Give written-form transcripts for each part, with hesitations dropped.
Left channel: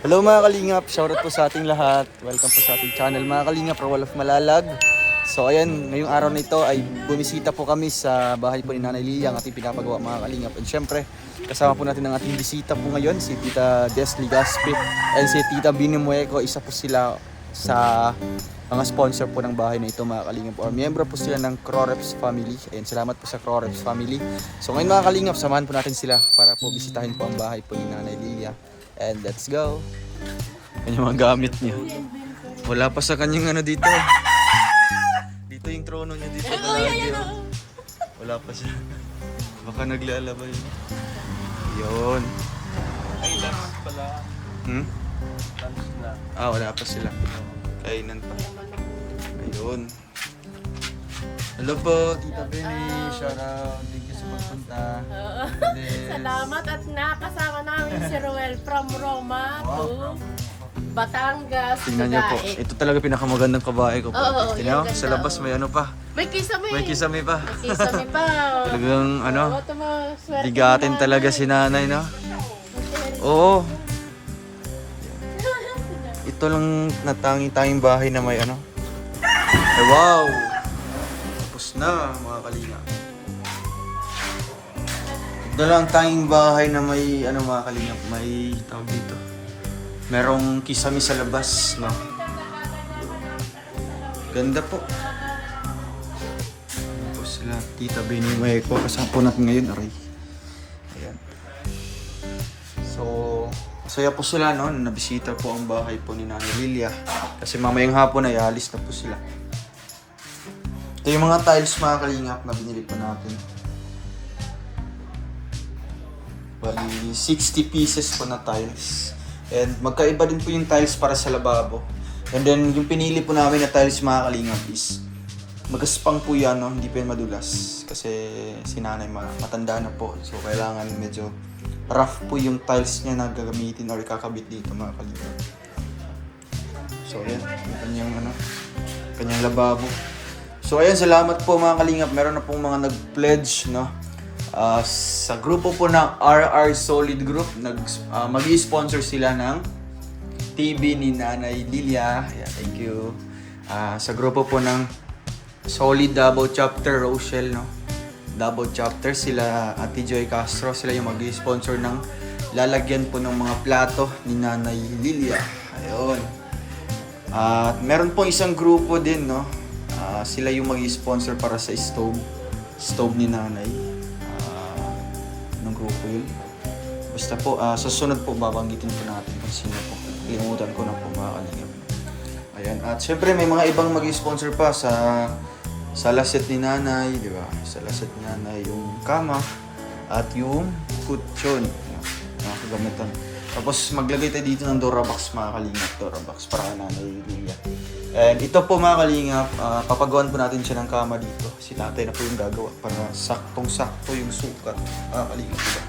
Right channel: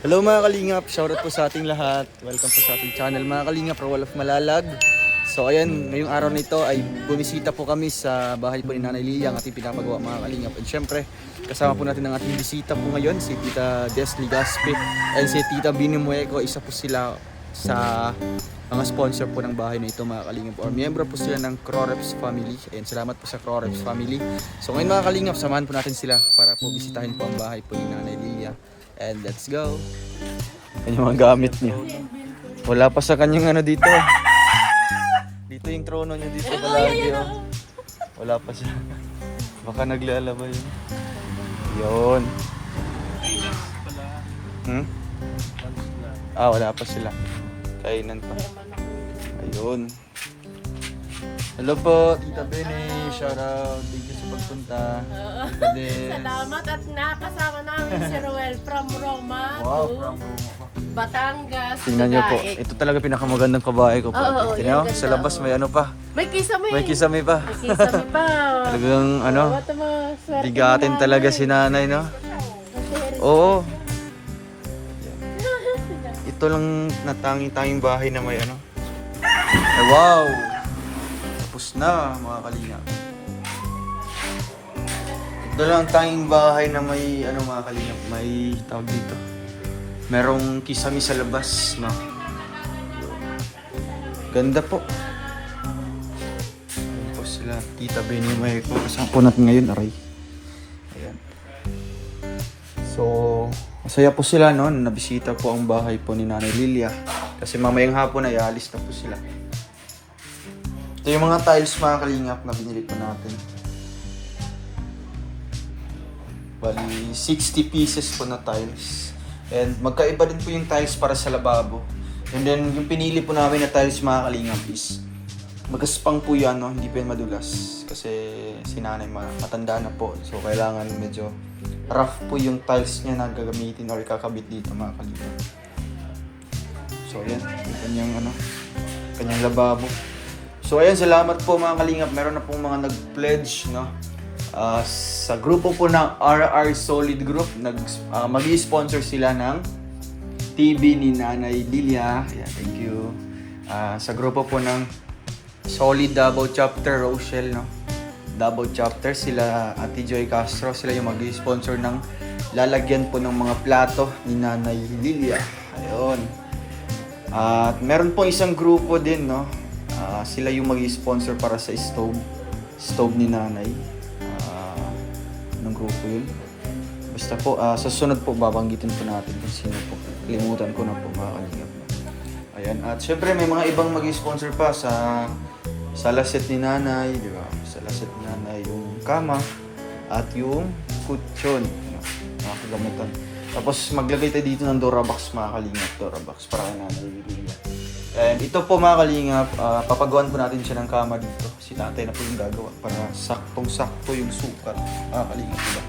Hello mga Kalingap, shoutout po sa ating lahat. Welcome po sa ating channel mga Kalingap, Rawal of Malalag. So ayan, ngayong araw na ito ay bumisita po kami sa bahay po ni Nanay Lia, ang ating pinapagawa mga Kalingap. And syempre, kasama po natin ang ating bisita po ngayon, si Tita Desli Gaspi and si Tita Bini Mueco. Isa po sila sa mga sponsor po ng bahay na ito mga Kalingap, or miyembro po sila ng Croreps family. Ayan, salamat po sa Croreps family. So ngayon mga Kalingap, samahan po natin sila para po bisitahin po ang bahay po ni Nanay Lia. And let's go. Yan yung mga gamit niya. Wala pa sa kanyang ano dito. Dito yung trono niya dito palagi. Oh. Wala pa siya. Baka naglalaba yun. Yun. Wala pa sila. Kainan pa. Ayun. Hello po, Tita Beni. Shoutout. Thank you sa pagpunta. Salamat at nakasama namin si Roel from Roma to Batangas. Tingnan niyo po. Ito talaga pinakamagandang kabahay ko po. Tingnan niyo, sa labas may ano pa. May kisame. May kisame pa. May kisame pa. Talagang ano, bigatin talaga si nanay, no? Oo. Ito lang natangi-tanging bahay na may ano. Ay wow! Tapos na mga kalinga. Ito lang tanging bahay na may ano mga kalinga, may tawag dito. Merong kisame sa labas, no? Ganda po. Tapos sila, Tita Beni Mueco, kasama po natin ngayon, aray. Ayan. So, masaya po sila, no? Nabisita po ang bahay po ni Nanay Lilia. Kasi mamayang hapon ay alis na po sila. Ito yung mga tiles mga kalingap na binili po natin. Bali, 60 pieces po na tiles. And magkaiba din po yung tiles para sa lababo. And then yung pinili po namin na tiles mga kalingap is magaspang po yan, no? Hindi po yan madulas. Kasi si nanay matanda na po. So kailangan medyo rough po yung tiles niya na gagamitin or kakabit dito mga kalingap. So ayan, yung kanyang lababo. So ayan, salamat po mga kalingap. Meron na pong mga nag-pledge, no? Sa grupo po ng RR Solid Group, mag-i-sponsor sila ng TV ni Nanay Lilia. Ayan, thank you. Sa grupo po ng Solid Davao Chapter, Rochelle, no? Davao Chapter, sila Ate Joy Castro, sila yung mag-i-sponsor ng lalagyan po ng mga plato ni Nanay Lilia. Ayun. At meron po isang grupo din, no? Sila yung mag-i-sponsor para sa stove ni Nanay. Anong grupo yun? Basta po, sa sunod po babanggitin po natin kung sino po. Kalimutan ko na po mga kalingap. Ayan, at syempre may mga ibang mag-i-sponsor pa sa laset ni Nanay, di ba? Sa laset ni Nanay yung kama at yung kutsyon, mga kagamitan. Tapos maglagay tayo dito ng Dorabox mga kalingap, Dorabox para kay Nanay Lilia. And ito po mga kalingap, papagawan po natin siya ng kama dito. Si tatay na po yung gagawa para saktong-sakto yung sukat. Mga kalingap, diba?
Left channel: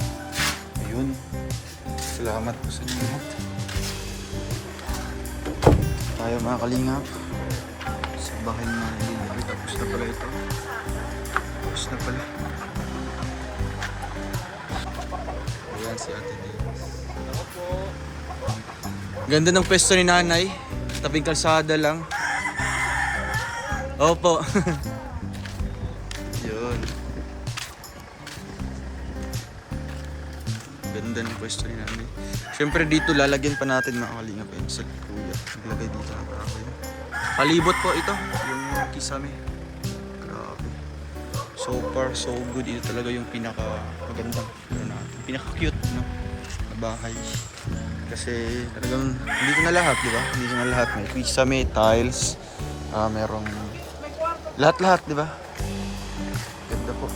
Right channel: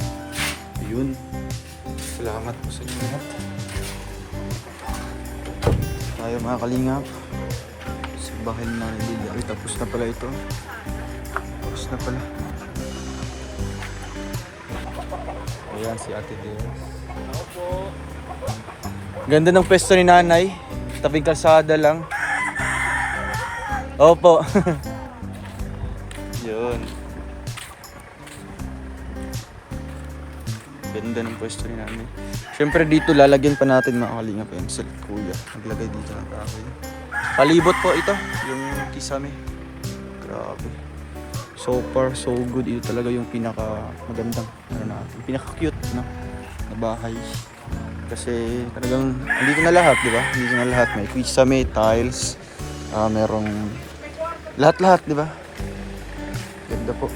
Ayun. Salamat po sa inyo lahat. Tayo mga kalingap. Sa bahay na Lilia. Ay, tapos na pala ito. Tapos na pala. Ayan si Ate Lilia. Ganda ng pwesto ni Nanay. Tabing kalsada lang. Opo. Yun. Ganda ng pwesto ni Nanay. Siyempre dito lalagyan pa natin mga kalingap yun sa kuya. Naglagay dito ng kahoy. Palibot po ito. Yung kisame. Grabe. So far so good. Ito talaga yung pinaka magandang yung pinaka cute na bahay. Kasi talagang andito na lahat, di ba? Andito na lahat. May kisame, tiles, merong lahat-lahat, di ba? Ganda po.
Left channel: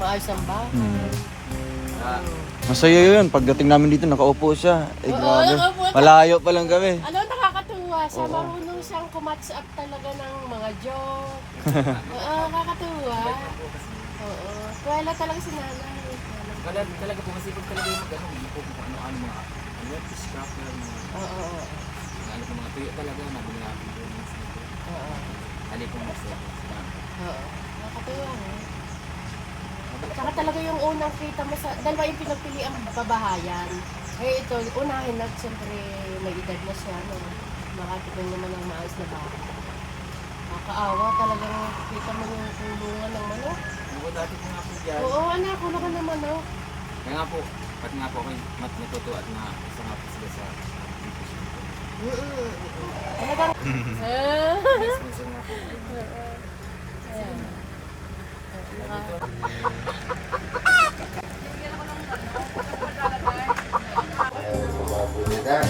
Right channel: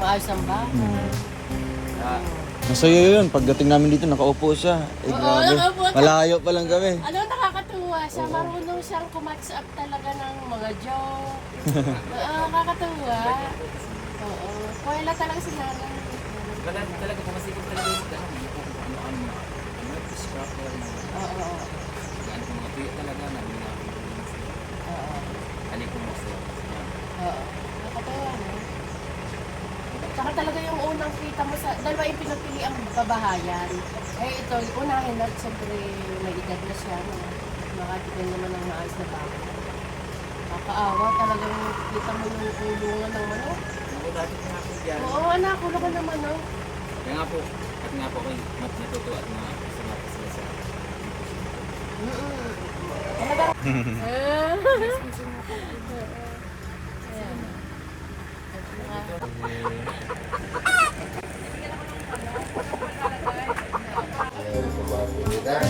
Maayos ang bahay. Masaya yun. Pagdating namin dito, nakaupo siya. Eh, grabe. nakaupo siya. Malayo pa lang kami. Ano, nakakatuwa siya. Marunong siyang kumatch up talaga ng mga joke. Nakakatuwa. Oo. Manuela talaga si nanay. Talaga po kasi kung talaga yung gano'n, ano mga scrapper, Oo. ano po mga tuya talaga, nabili na ako. Oo. Ano po mas Oo. Nakatuwa mo. Tsaka talaga yung unang kita mo sa, dalawa yung pinagpili ang babahayan. Eh ito, unahin na, siyempre may edad na siya, no? Makatigan naman ng maayos na baka. Nakakaawa talagang kita mo yung kulungan ng manok. Ako dati po nga po dyan. Oo, anak, kulungan ng manok. Kaya nga po, at nga po ako natuto at sumapa sila sa Talagang... sponsor nga po.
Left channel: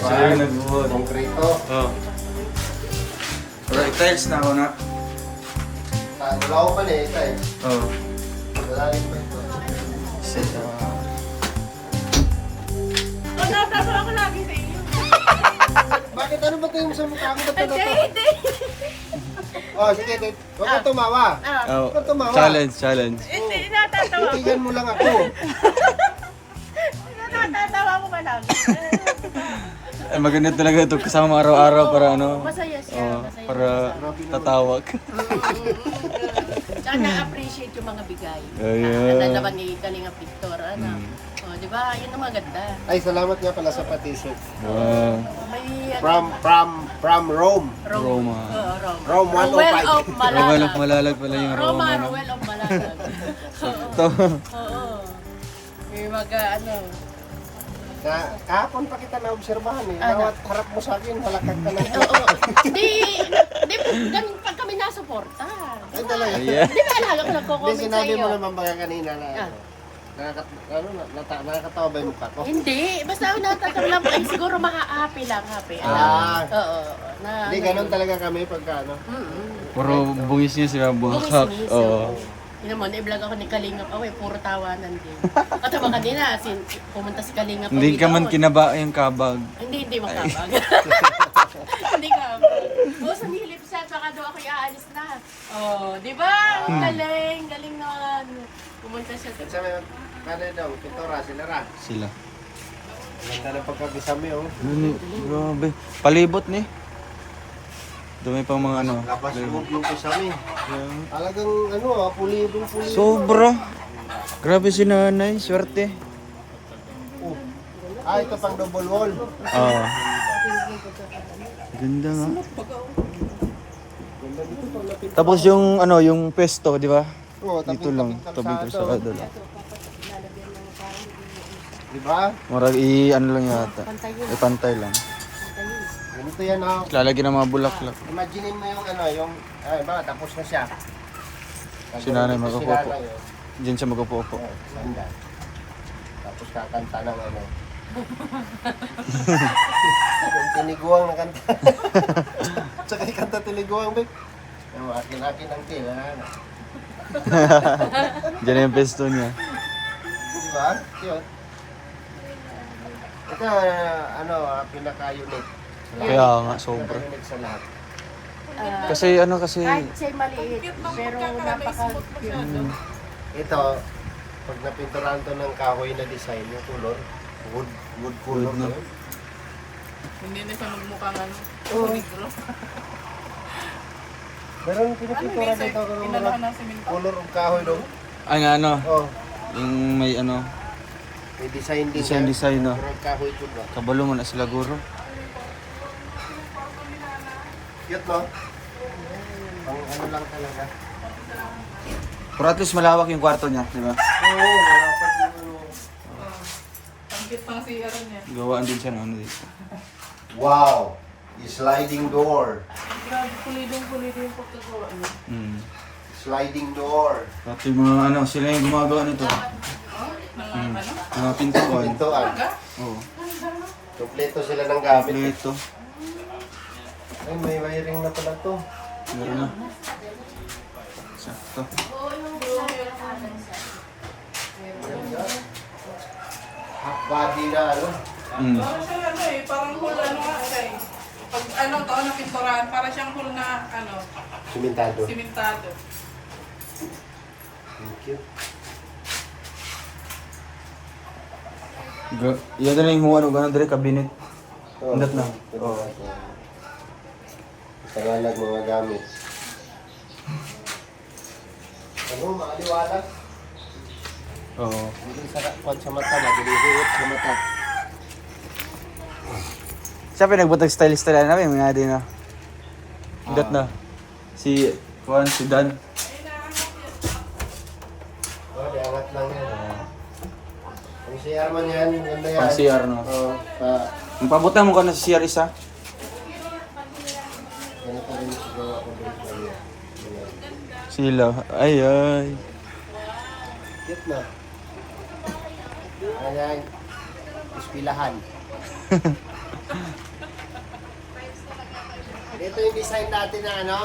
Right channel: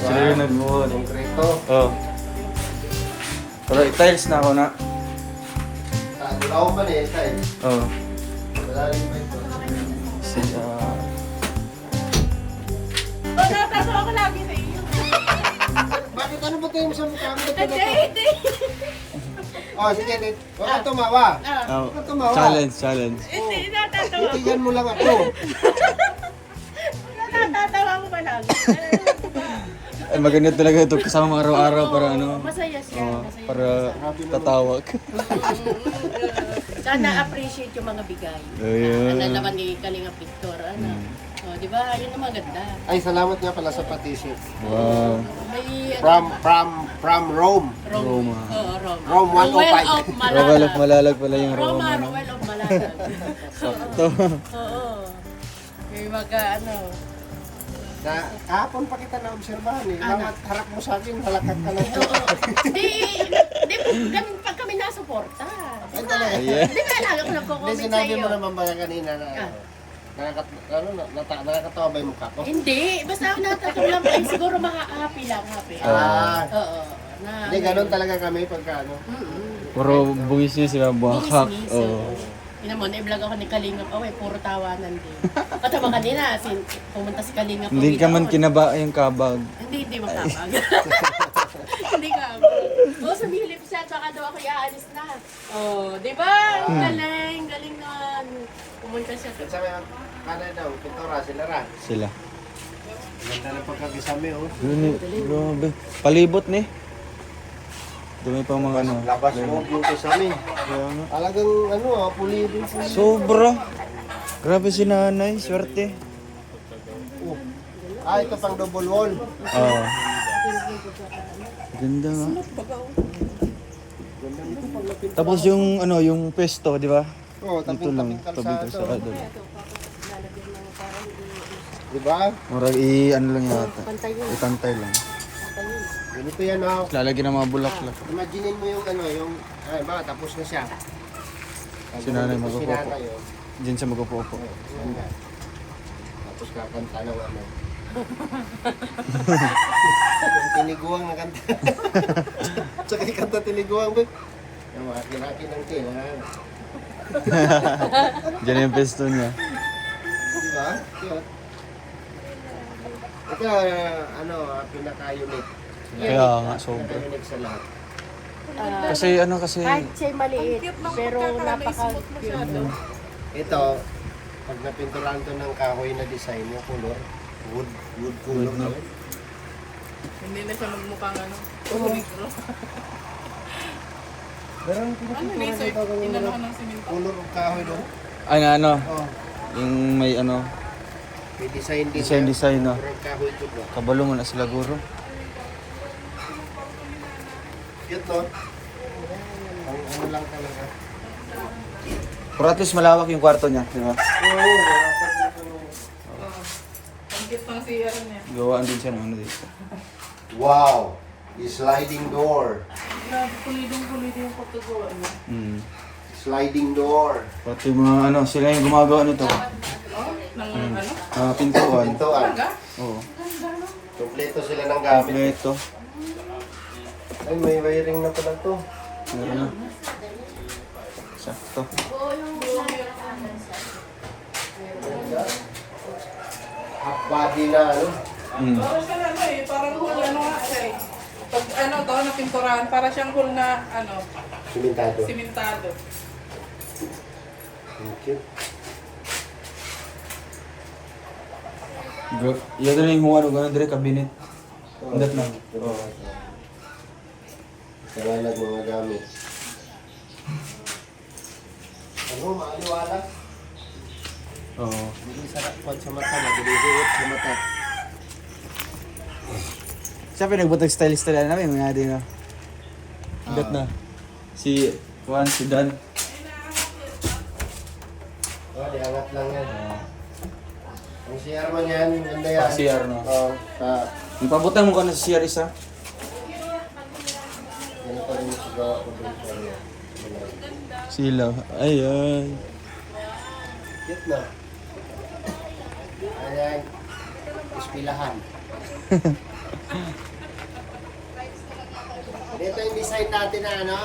Sila yung nag-wood. Konkreto. Oh. Pero i-tiles na ako na. Wala ko pa na eh. Oh. Wala rin pa ito. Sila. Natatawa ako lagi sa iyo. Bakit ano ba kayo sa mukha ko? Hindi. Oh, sige, Dave. Huwag kang tumawa. Oh. Huwag kang tumawa. Challenge. Hindi, natatawa. Titigan mo lang ako. Natatawa ko pa lang. Ay, maganda talaga ito kasama araw-araw para ano. Masaya siya. Oh, Masaya para siya. tatawag. Tsaka na-appreciate yung mga bigay. Ayan. Ano naman ni Kalinga Victor, ano. Oh, di ba? Yun ang maganda. Ay, salamat nga pala sa pa-t-shirt. Wow. May ano, From Rome. Roma. Oo, Roma. Rome 105. Rowell of Malalag. Rowell of Malalag pala yung Roma, Roma. no? Rowell of Malalag. Sakto. Oo. May mga ano. Kahapon pa kita na-obserbahan eh. Ano? Nawat harap mo sa akin, halakad ka lang. Oo. Di ganun pag kami nasuporta. Ay, talaga. Ayan. Di ba alaga ko Hindi, nagko-comment sa sinabi iyo? mo naman baka kanina na nakakatawa ba yung mukha ko? Hindi, basta ako natatawa lang. Ay, siguro happy lang, happy. Ah. Oo. Na, Hindi, ganun talaga kami pagka ano. Puro bungis niya sila buhakak. Bumis-mis. Oo. Yun naman, i-vlog ako ni Kalingap. Oh, puro tawanan din. At naman kanina, pumunta si Kalingap. Hindi ka man doon. kinaba yung kabag. Hindi makabag. Hindi kabag. O, sumilip siya, baka daw ako iaalis na. Oh, di ba? Ang galing, galing naman. Pumunta siya. At sabi, kanay daw, pintura, sila ra. Sila. Ganda ng pagkakisami oh. Yun, grabe. Palibot ni. Dumi pang mga ano. Labas loob yung kisami. Kaya nga. Talagang ano pulidong pulido. Sobra. Grabe si nanay, swerte. Oh. Ito pang double wall. Oo. Ganda nga. Tapos yung ano, yung pesto, di ba? Oh, Dito lang, taping-taping tabi kalsada. ko sa Di ba? Marag ano lang yata. Ipantay lang. Ganito yan oh. Lalagyan ng mga bulaklak. Imaginin mo yung ano, yung ba tapos na siya. Si nanay Si mag-upo. nanay, oh. Diyan siya mag-upo. Sanda. Tapos kakanta ng ano. Yung tiniguang na kanta. Tsaka ikanta tiniguang, Bek. Yung akin-akin ang tila. Diyan yung pesto niya. Di ba? Cute. Ito, ano, pinaka-unique. Kaya nga, sobra. Pinaka-unique sa lahat. Kasi ano kasi, Kahit siya maliit, pero napaka-cute. Ito, pag napinturahan ko ng kahoy na design, yung color, wood color na yun. Hindi na siya magmukhang ano. Pero yung pinapinturahan dito, Inalahan ng simento. color of kahoy doon. ay nga ano, Oh, yung may ano, may design din. design no. Color of kahoy po na. Kabalo mo na sila guro. Cute, no? Ang ano lang talaga. Pero at least malawak yung kwarto niya, di ba? Ang cute ng CR niya. Gawaan din siya ng ano dito. Wow! Sliding door. Grabe, pulidong-pulido yung pagkagawa niya. Sliding door. Pati mga ano, sila yung gumagawa nito. Nang ano? Pintuan. Pintuan. Oo. Kompleto sila ng gamit. Kompleto. Ay, may wiring na pala to. Meron na. Sakto. Half body na ano. Parang siya ano eh, parang hul ano nga siya eh. Pag ano to, napinturahan, para siyang hul na ano, Simentado. simentado. Cute. Yan na yung ano, gano'n dali, cabinet. Indat na. Oo. Tagalag mga gamit. Ano, maaliwalas? Oo. Hindi sarap pag sa mata, mabilisuot sa mata. Siya pinagbutag stylist talaga namin, mga din na. Indat na. Si Juan, si Dan. Oh, di angat lang yan. Ang CR man yan, ganda yan. Pang CR, no? Oo, Pabutan mo ka na sa CR isa. yan pa rin siguro ako dito. Sila. Ay, ay. Cute na. Ayan, ispilahan. Ito yung design natin na ano,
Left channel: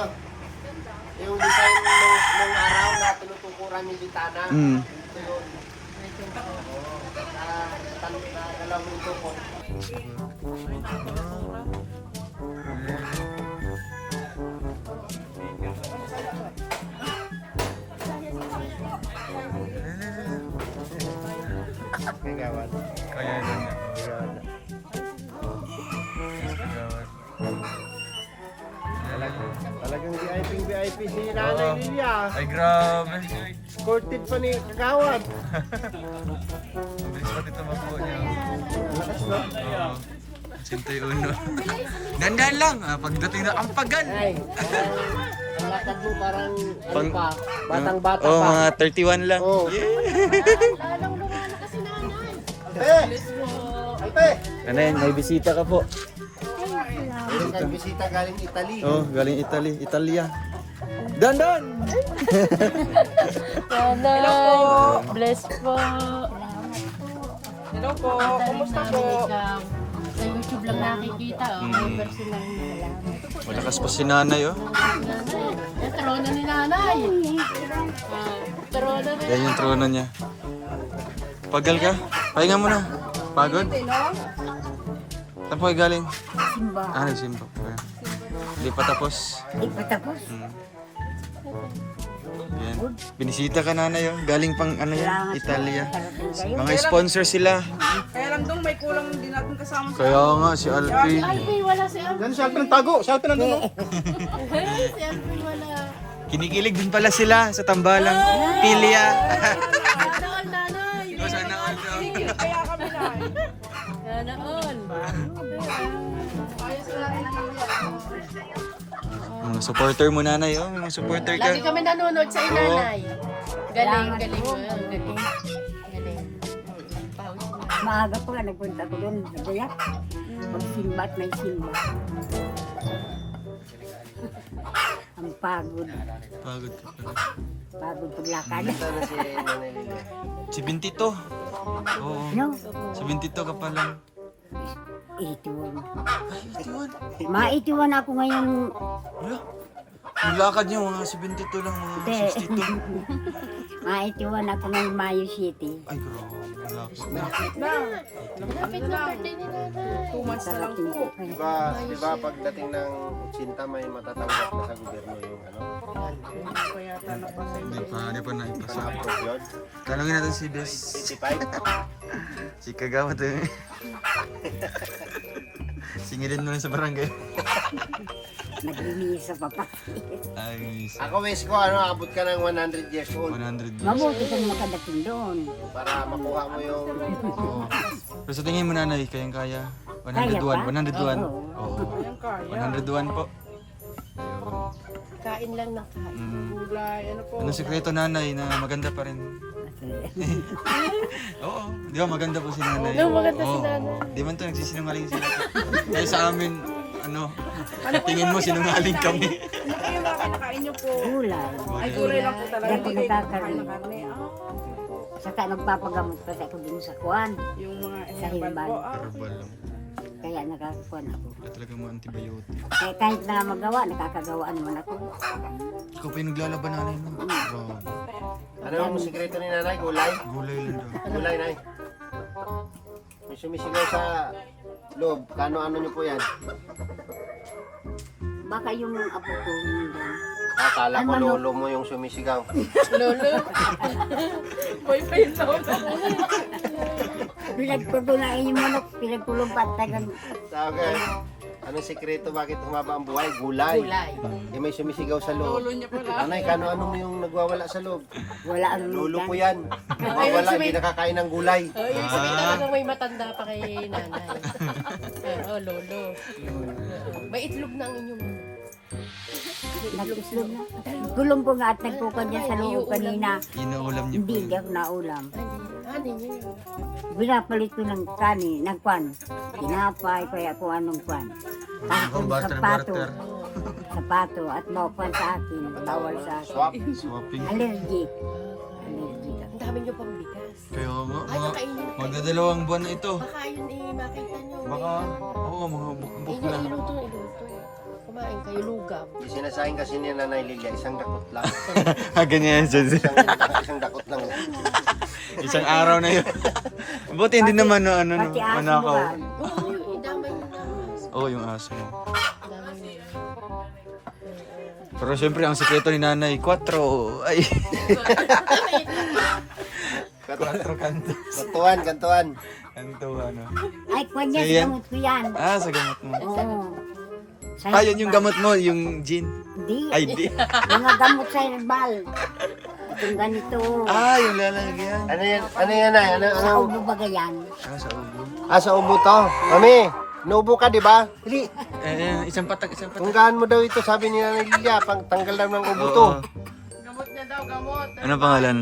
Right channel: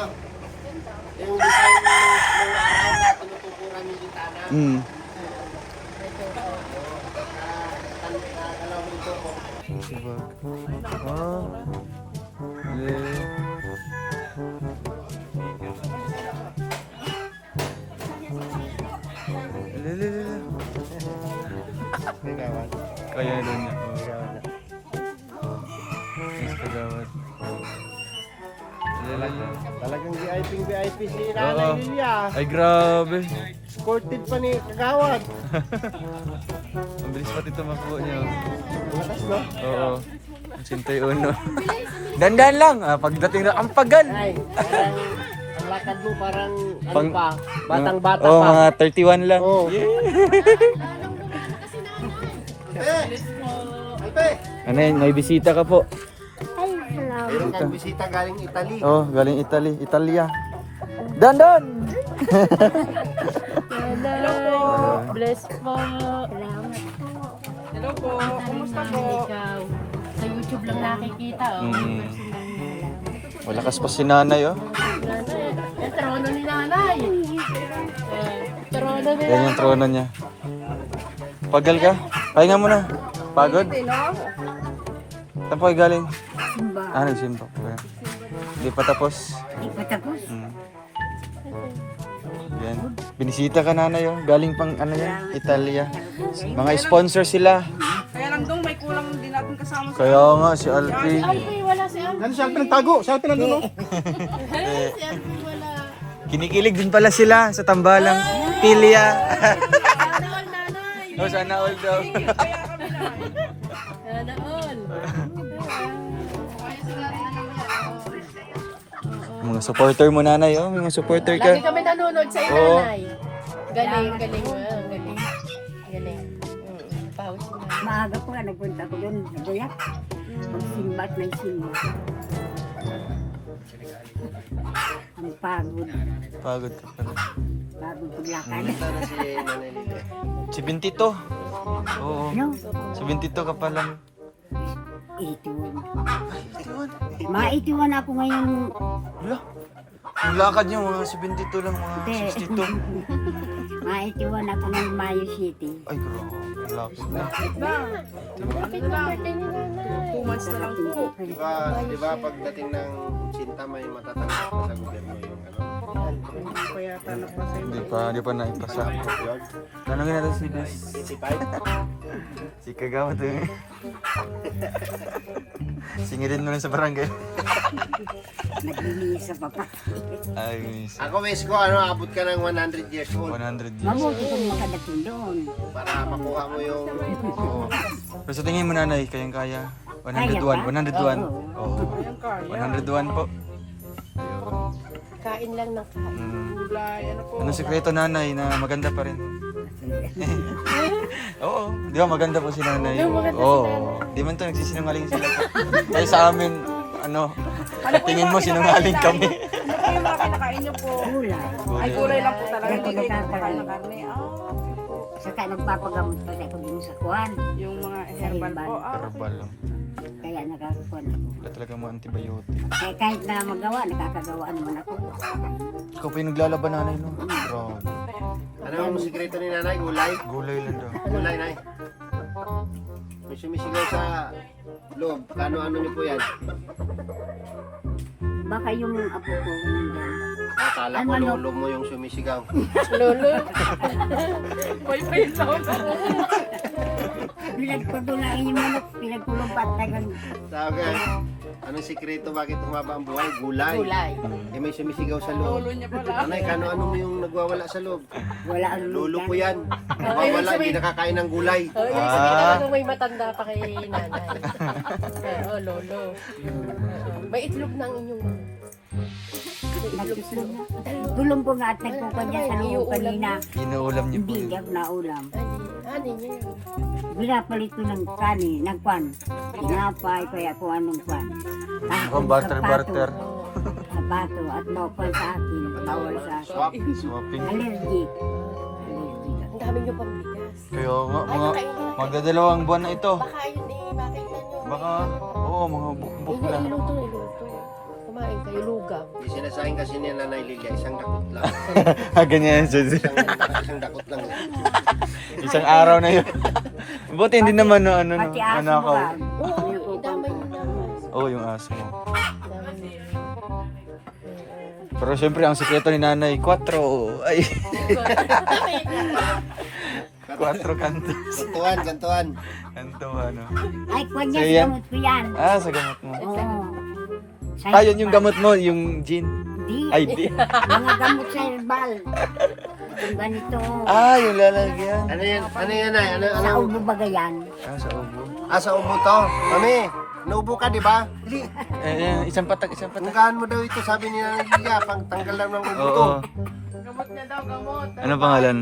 yung design ng araw na tinutukuran yung bitana. Mm. Dalawang tuko. Kaya na niya. Kagawad. VIP si Oo. Ay, grabe. Sportive pa ni Kagawad. Ang bilis pati tumakbo niya. Oo. 81. Dandan lang. Pagdating na, ang pagal. Ay, parang ang lakad mo parang ano pa, batang-bata Oo, pa. mga 31 lang. Oo. Ano yun, may bisita ka po. Meron kang bisita galing Italy. Oh, galing Italy. Italia. Dandan! Hello! Bless po! Hello po. Kumusta namin ikaw? Sa YouTube lang nakikita, oh. May personal na lang. Malakas pa si nanay, oh. Nanay. Eh, trono ni nanay. Oh, trono ni Yan yung trono niya. Pagal ka? Pahinga mo na. Pagod? Saan po kayo galing? Simba. Nagsimba po kayo. Hindi pa tapos. Di pa tapos. Mm. Yan. Binisita ka nanay, oh. Galing pang ano yan, Italia. Mga sponsor sila. Kaya lang doon may kulang din natin kasama sa Kaya nga, si Alfie. Ay, wala silang. Yan siya pinagtago, siya pinagtago. Si Alvin wala. Kinikilig din pala sila sa tambalang Tilia. Sana all, nanay. Oh, sana all daw. kaya kami na. Sana all. Mga supporter mo nanay, oh. Mga supporter ka. Lagi kami nanonood sa iyo, Oo. nanay. Galing, galing. Galing. Galing. Maaga pa nga nagpunta ko doon sa Dayak. Magsimba at may simba. Ang pagod. Pagod ka pala. Pagod paglakad. Si Bintito. Oo. No? Si Bintito ka pala. 81. Ma-81 ako ngayon. Wala. Ang lakad niya, mga 72 lang, mga Hindi. 62. Ma-81 ako ngayon Mayo City. Ay, grabe. Ang lakad na. Happy birthday ni nanay. 2 months na lang Sarating po. ko kayo. Diba pagdating ng sinta may matatanggap pa sa gobyerno yung ano. Kaya pala pa sa Hindi pa naipasa. Award. Tanungin natin si Bes. 55. Si Kagawad eh. Singilin mo lang sa barangay. Naglilinis sa papa. Ay, Ako wish ko ano, abot ka ng 100 years old 100 years. Mabuti kung makadating doon. para makuha mo yung Oo. Pero sa tingin mo nanay, kayang kaya? Kaya 101. pa? 101. Oo. Oo. 101 po. Ayun. Kain lang na. Mm. kulay. Ano po? Ano sikreto nanay na maganda pa rin? Oo. Di ba maganda po si nanay? Oo, maganda si Oo. nanay. Di man to nagsisinungaling sila. Kaya sa amin, ano, sa tingin mo sinungaling kami. Ano po yung mga kinakain niyo po? Kulay. Ay, kulay lang po talaga. Yan po Hindi kayo nakakain. kumakain ng karne. Saka nagpapagamot pa ako din sa kuwan. Yung mga Sa herbal herbal. po. Herbal lang. Kaya nakakakuan ako. Wala talaga mo antibiotic. Kaya kahit na magawa, nakakagawa naman ako. Ikaw pa yung naglalaban nanay, no? Grabe. ano yung sikreto ni nanay, gulay. Gulay lang daw. Gulay, nay. May sumisigaw sa loob. Ano-ano niyo po yan? Baka yung apo ko hindi. Akala ko Ano? lolo mo yung sumisigaw. Lolo. Boyfriend daw. Pinagpatunain yung manok, pinagkulong patagan. Sabi, anong sikreto bakit humaba ang buhay? Gulay. Gulay. Eh, may sumisigaw sa loob. Ulo niya pala. Anay, kano-ano mo yung nagwawala sa loob? Wala ang Lulo lugan. po yan. Wala, hindi nakakain ng gulay. Talagang may matanda pa kay nanay. Pero lolo. May itlog na ang inyong. Nagkislog na. Gulong ko nga at nagkukan niya sa loob kanina. Inuulam niyo po Hindi yun. daw na ulam. Ano niya yun? Binapalit ko ng kanin, ng kwan. Tinapay, kaya kung anong kwan. Kahit Kung yung barter, barter. Sapato at maupan sa akin. Bawal sa akin. Swapping. Allergy. Allergy. Ang dami niyo pang bigas. Kaya nga, magdadalawang buwan na ito. Baka yun makita niyo. Baka, oo, mga bukbuk na. Iluto. Kumain kayo lugaw. Yung sinasayang kasi ni Nanay Lilia, isang dakot lang. Ganyan siya. Isang dakot lang. Isang araw na yun. Buti hindi naman no, ano, no, Pati aso mo manakaw. ba? Oo, damay mo na. Oo, yung aso mo. Pero syempre, ang sikreto ni nanay, 4. Ay. 4 kantos. Gantuan. Kanto, ano. Ay, kwan niya, So, yan. gamot ko yan. Ah, sa gamot mo. Oo. Ah, yun yung gamot mo, yung gin. Di. Ay, di. Mga gamot sa herbal. Itong ganito. Ah, yung lalagyan. Ano yan? Ano yan ay? Ano? Sa ubo bagay yan. Ah, sa ubo. Ah, sa ubo to. Kami, naubo ka, di ba? Hindi. Isang patak, isang patak. Tanggahan mo daw ito, sabi ni Nanay Lilia, pang tanggal lang ng ubo to. Oo. Ano pangalan?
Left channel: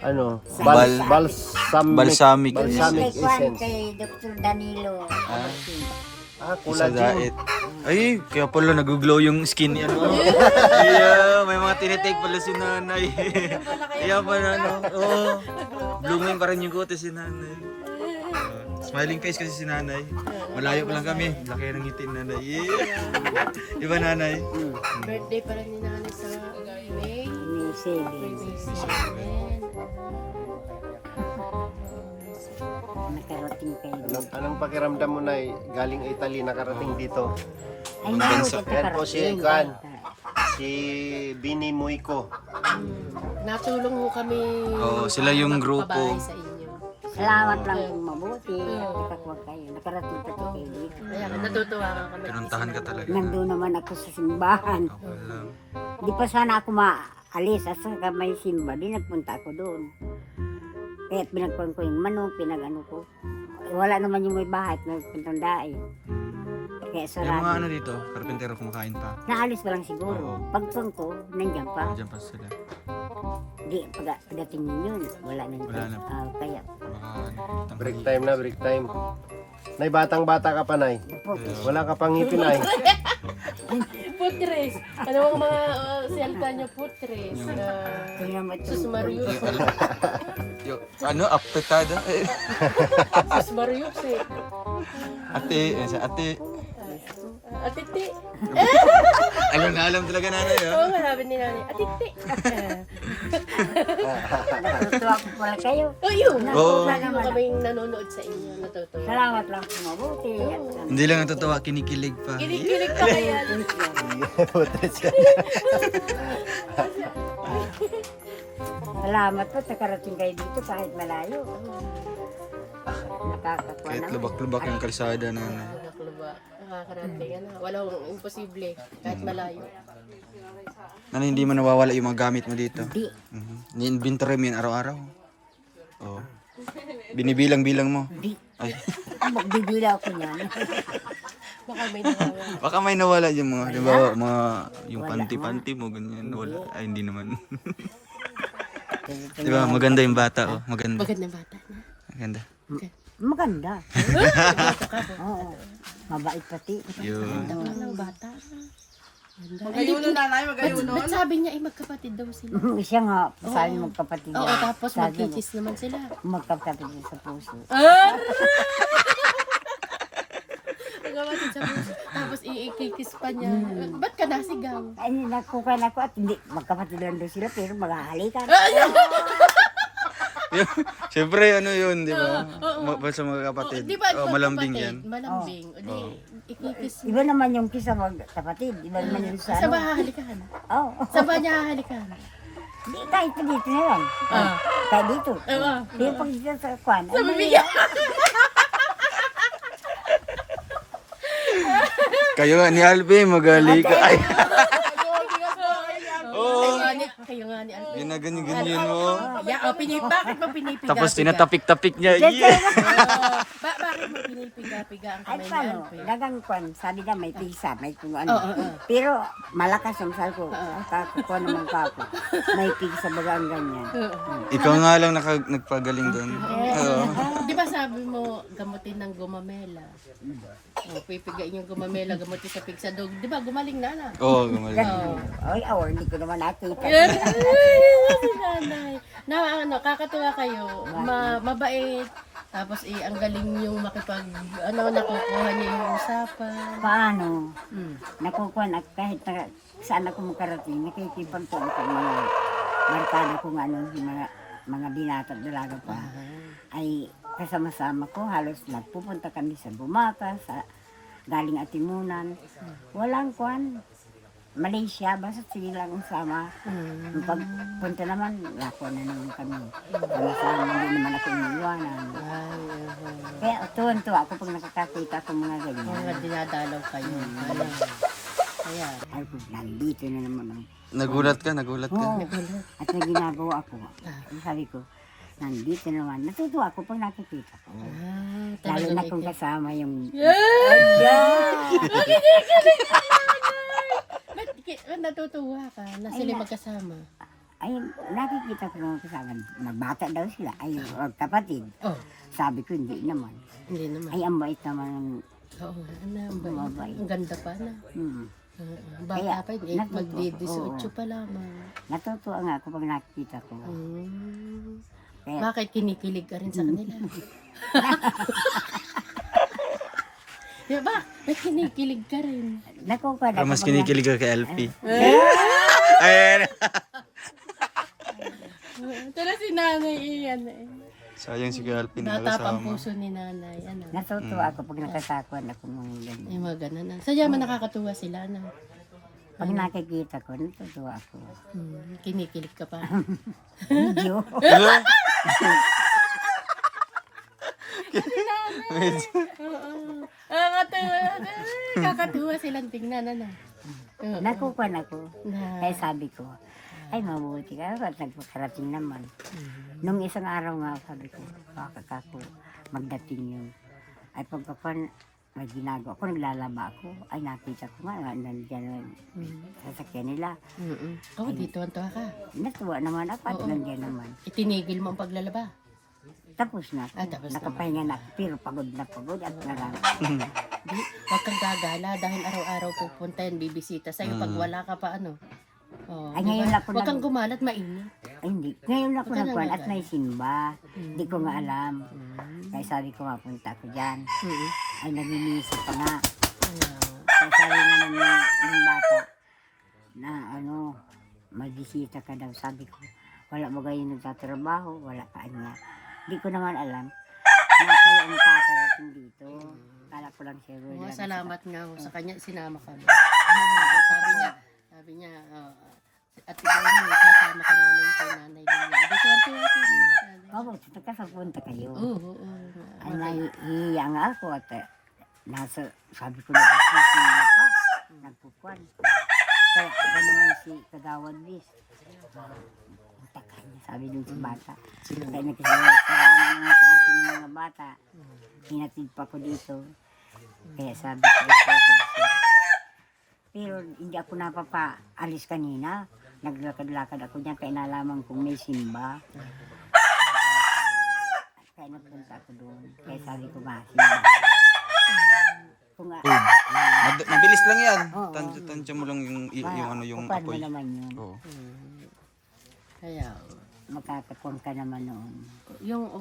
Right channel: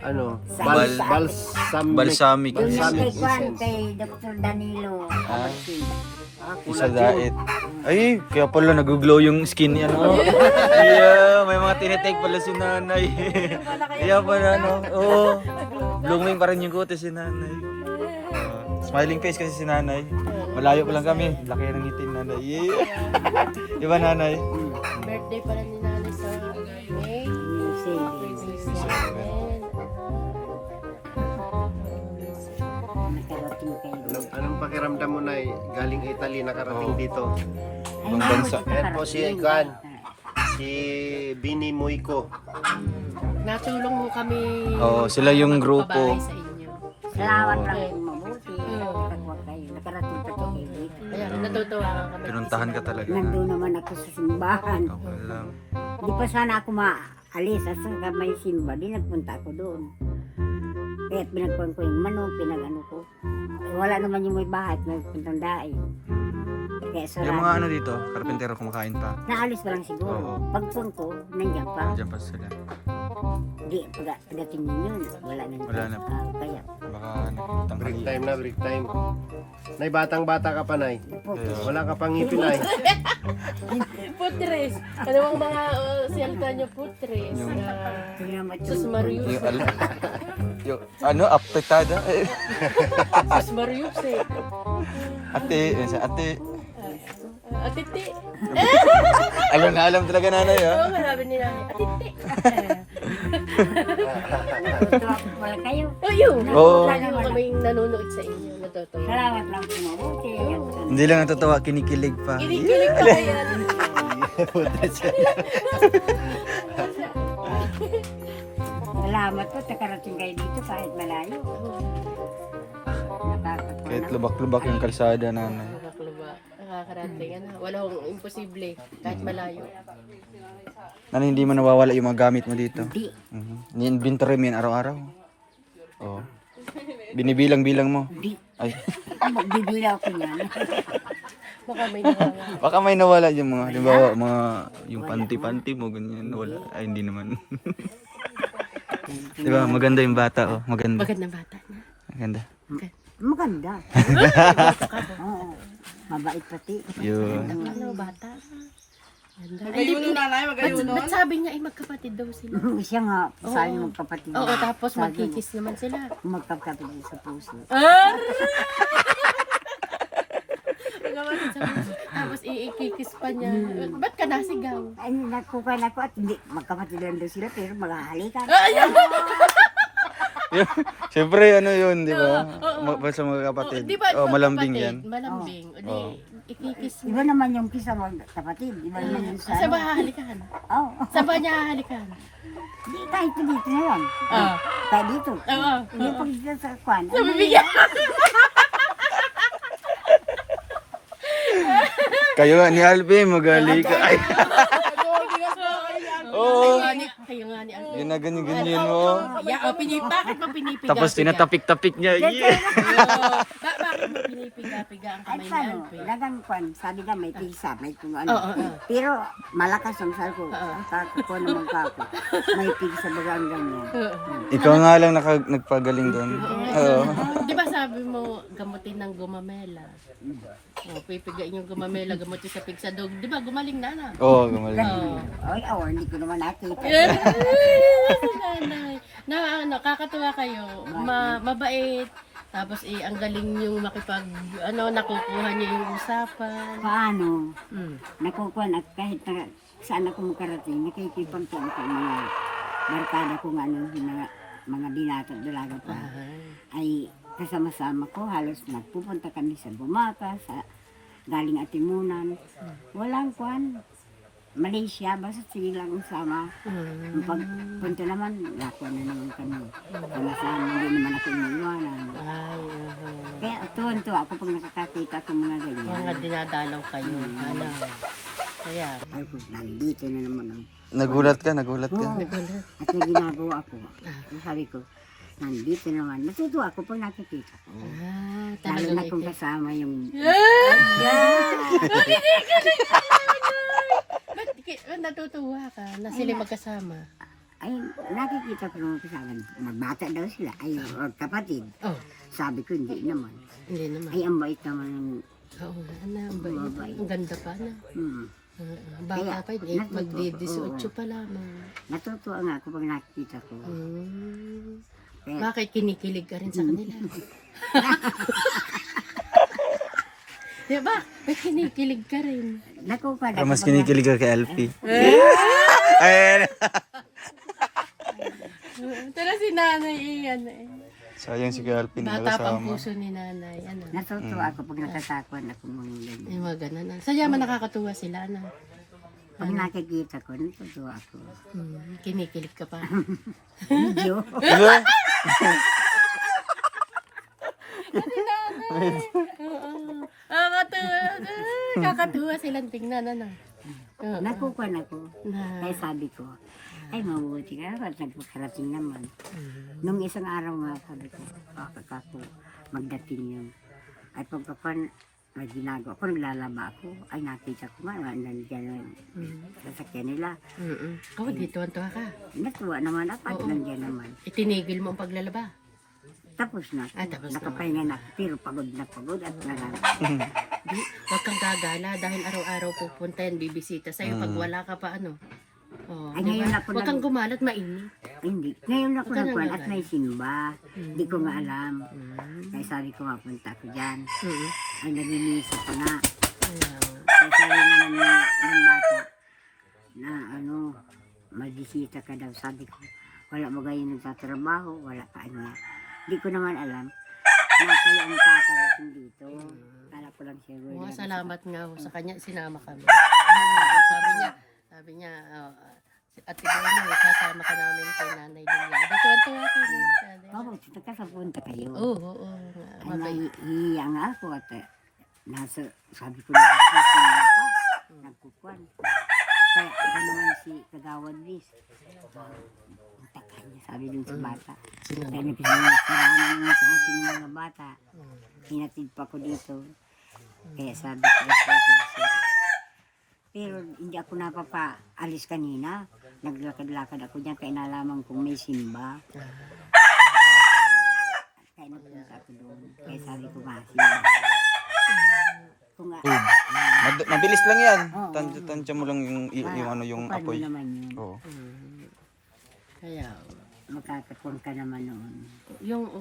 Ano? Bal- Balsamic. Balsamic. Yung Balsamic kay Kwan, essence. kay Dr. Danilo. Isa diet. Ay, kaya pala nag-glow yung skin niya, no? Yeah, may mga tinitake pala si nanay. Kaya pala, no? Oo. Blooming pa rin yung kutis si nanay. Smiling face kasi si nanay. Malayo pa lang kami. Laki ng ngiti ni nanay. Yeah. Di ba, nanay? Birthday pala ni nanay sa May. May savings. Nakarating kayo. Anong pakiramdam mo na galing Italy nakarating dito? Ay, Ibang bansa. Yan po si Kwan. Si Bini Muiko. Natulong mo kami. Oo, sila yung grupo. magpabahay sa inyo. Salamat lang yung mabuti. Takwa kayo. Nakarating pa kayo dito. Kaya natutuwa ka kami. Pinuntahan ka talaga. Nandun naman ako sa simbahan. Okay lang. Di pa sana ako maalis. Asa ka may simba. Di nagpunta ako doon. Kaya pinagpuan ko yung manok, pinag-ano ko. Wala naman yung may bahay at nagpuntang daig. Kaya Yung mga ano sarado. dito, karpentero kumakain pa. Naalis pa lang siguro. Pagpuan ko, nandiyan pa. Diyan pa sila. Di, pagdating yun, wala na. Wala na. Kaya, Baka nakikitang Break time na, break time. Nay, batang-bata ka pa, Nay. Wala ka pang ngipin, Nay. Putres. Ano ang mga siyalta niyo putres? tingnan mo Sus itong Marius. Yung ano, apetada. Sus Marius eh. Ate, sa ate. Atiti. Alam na alam talaga nanay, ha? Oo, marami ni nanay. Atiti. natutuwa ko pala kayo. Ayun. Oo. Wala naman. Kaming nanonood sa inyo. Natutuwa. Salamat lang sa mabuti. At, Hindi lang natutuwa, kinikilig pa. Kinikilig ka yan. salamat po, nakarating kayo dito kahit malayo. Nakakatuwa Kahit na. lubak-lubak yung kalsada nanay. Nakakluba. Nakakarating. Ano? Walang imposible. Kahit malayo. Nanay, hindi mo nawawala yung mga gamit mo dito? Di, Ni-inventory mo yun araw-araw? Oo. Binibilang-bilang mo? di. Ay. Magbibila ako yan. Baka may nawala. Baka may nawala yung mga, di ba, mga, yung panty-panty mo, ganyan, nawala. Ay, hindi naman. Di ba, maganda yung bata, oh. Maganda. Magandang bata na. Maganda. Maganda. Oo. Mabait pati. Yun. Ano, bata na. Ganda. Magayuno nanay, magayuno. Ba't sabi niya ay magkapatid daw sila? Siya nga, sabi magkapatid. Oo, tapos Sabi magkikis naman sila. mo, magkapatid din sa puso. Magkapatid sa puso. Tapos ikikis pa niya. Ba't ka nasigaw? Ay, nakukuha na ako at hindi, magkapatid lang doon sila, pero maghahalikan. Siyempre, ano yun, di ba? Basta mga kapatid. Di ba, Oh, malambing yan. Malambing. O di, ikikis mo. Iba naman yung kisa magkapatid. Iba naman yung sa Saan ba hahalikan? Oo. Saan ba niya hahalikan? Di, kahit pa dito na lang. Ah. Kahit dito. Oo. Pero pag dito sa kwan. Sa bibigyan. Kayo nga ni Alvin, magaling ka. Ay, oo. Kayo nga ni Alvin. Ginaganyan-ganyan mo. Bakit mo pinipiga? Tapos tinatapik-tapik niya. Yeah. Bakit mo pinipiga-piga ang Ay, kamay ni paano? Alvin? Dagang kwan, sabi na may pigsa, may kung ano. Pero malakas ang sabi ko. Kakukuha naman kako. May pigsa baga ang ganyan. Ikaw nga lang nagpagaling doon. Oo. Di ba sabi mo, gamutin ng gumamela? Pipigain yung gumamela, gamutin sa pigsa dog. Di ba, gumaling na na? Oo, gumaling. Ay, hindi ko naman nakita. Nanay. Na ano, kakatuwa kayo. Mabait. Tapos ang galing yung nakukuha niyo yung usapan. Paano? Mm. Nakukuha na kahit na saan ako makarating, nakikipag ko ang mga barkada kung ano, yung mga binata dalaga pa. Ay kasama-sama ko, halos nagpupunta kami sa Bumaka, sa galing Atimunan. Walang kwan. Malaysia, basta sige lang sama. Yung pagpunta naman, lako na naman kami. Sama-sama, hindi naman ako iniiwanan. Kaya tuwan-tuwa ako pag nakakakita ko mga ganyan. Mga dinadalaw kayo. Ano? Kaya, Ay, kung nandito na naman ako. Nagulat ka. Oo. At may ginagawa ako. Sabi ko, nandito naman. Natutuwa ako pag nakikita ko. Lalo talagang na kung kasama yung... Ba't natutuwa ka na sila magkasama? Ay, nakikita ko naman kasama. Magbata daw sila. Ay, kapatid. Oh, Sabi ko, hindi naman. hindi naman. Ay, ang bait naman ng... Oo nga, ang bait. Ang ganda pa na. Bata Kaya, pa yun, natutuwa. magdi-18 pa lamang. Natutuwa nga ako pag nakikita ko. Kaya, Bakit kinikilig ka rin sa kanila? Di ba? Ba't kinikilig ka rin? nakukuha na Pero mas ako kinikilig ka kay LP. Ayan. Tara si nanay iyan eh. Sayang si kay LP na Bata pang kasama. puso ni nanay. Ano? Natutuwa ako pag natatakwan ako mga ganyan. Ay, mga ganun. Sadya man nakakatuwa sila na. Pag nakikita ko, natutuwa ako. Kinikilig ka pa. Medyo. Kakatuwa silang tingnan. Ano? Nakukuha na ako. Na, Kaya sabi ko, ay mabuti ka at nagpaparating naman. Nung isang araw nga, sabi ko, bakit ako magdating yun. Ay pagkapan, may ginagawa ko, naglalaba ako. Ay nakita ko nga, nandiyan sasakyan nila. Ikaw, dito ang tuwa ka. Natuwa naman ako at nandiyan naman. Itinigil mo ang paglalaba. Tapos na. Ah, tapos na. Nakapahinga na ako, pero pagod at nalang. Di, huwag kang gagala dahil araw-araw pupunta yan, bibisita sa'yo pag wala ka pa ano. Oh, Ay, di ngayon ba? ako Huwag kang gumalat, mainit. Ay, hindi. Ngayon ako Huwag ka na nagkuhan at nagala. may simba. Hindi ko nga alam. Kaya sabi ko, mapunta ako dyan. Ay, nag-inisip ko nga. Kaya sabi nga ng bata na ano, magbisita ka daw. Sabi ko, wala mo gayon nagtatrabaho, wala ka niya. Hindi ko naman alam na kayo ang tatarating dito. Kala ko lang siya. Oo, salamat nga ho sa kanya, sinama kami. Sabi niya, at iba mo, kasama ka namin kay Nanay Lilia. Dito ang tuwa ko. Oo, nagkasapunta kayo. Oo. Ay, nahihiya nga ako at sabi ko nagsisimula pa, nagkukuhan. Kaya ako naman si Kagawad Bis. Takay niya, sabi dun sa bata. Kaya nagsisimula nga sa akin ng mga bata. Hinatid pa ko dito. Kaya sabi ko, pero hindi ako napapaalis kanina. Naglakad-lakad ako dyan kaya nalaman kong may simba. Kaya napunta ako doon. Kaya sabi ko, masimba. Kung Mabilis lang yan. Oo. Tansya mo lang yung ano yung paano apoy. naman yun? Oo. Kaya, Magkatapon ka naman noon.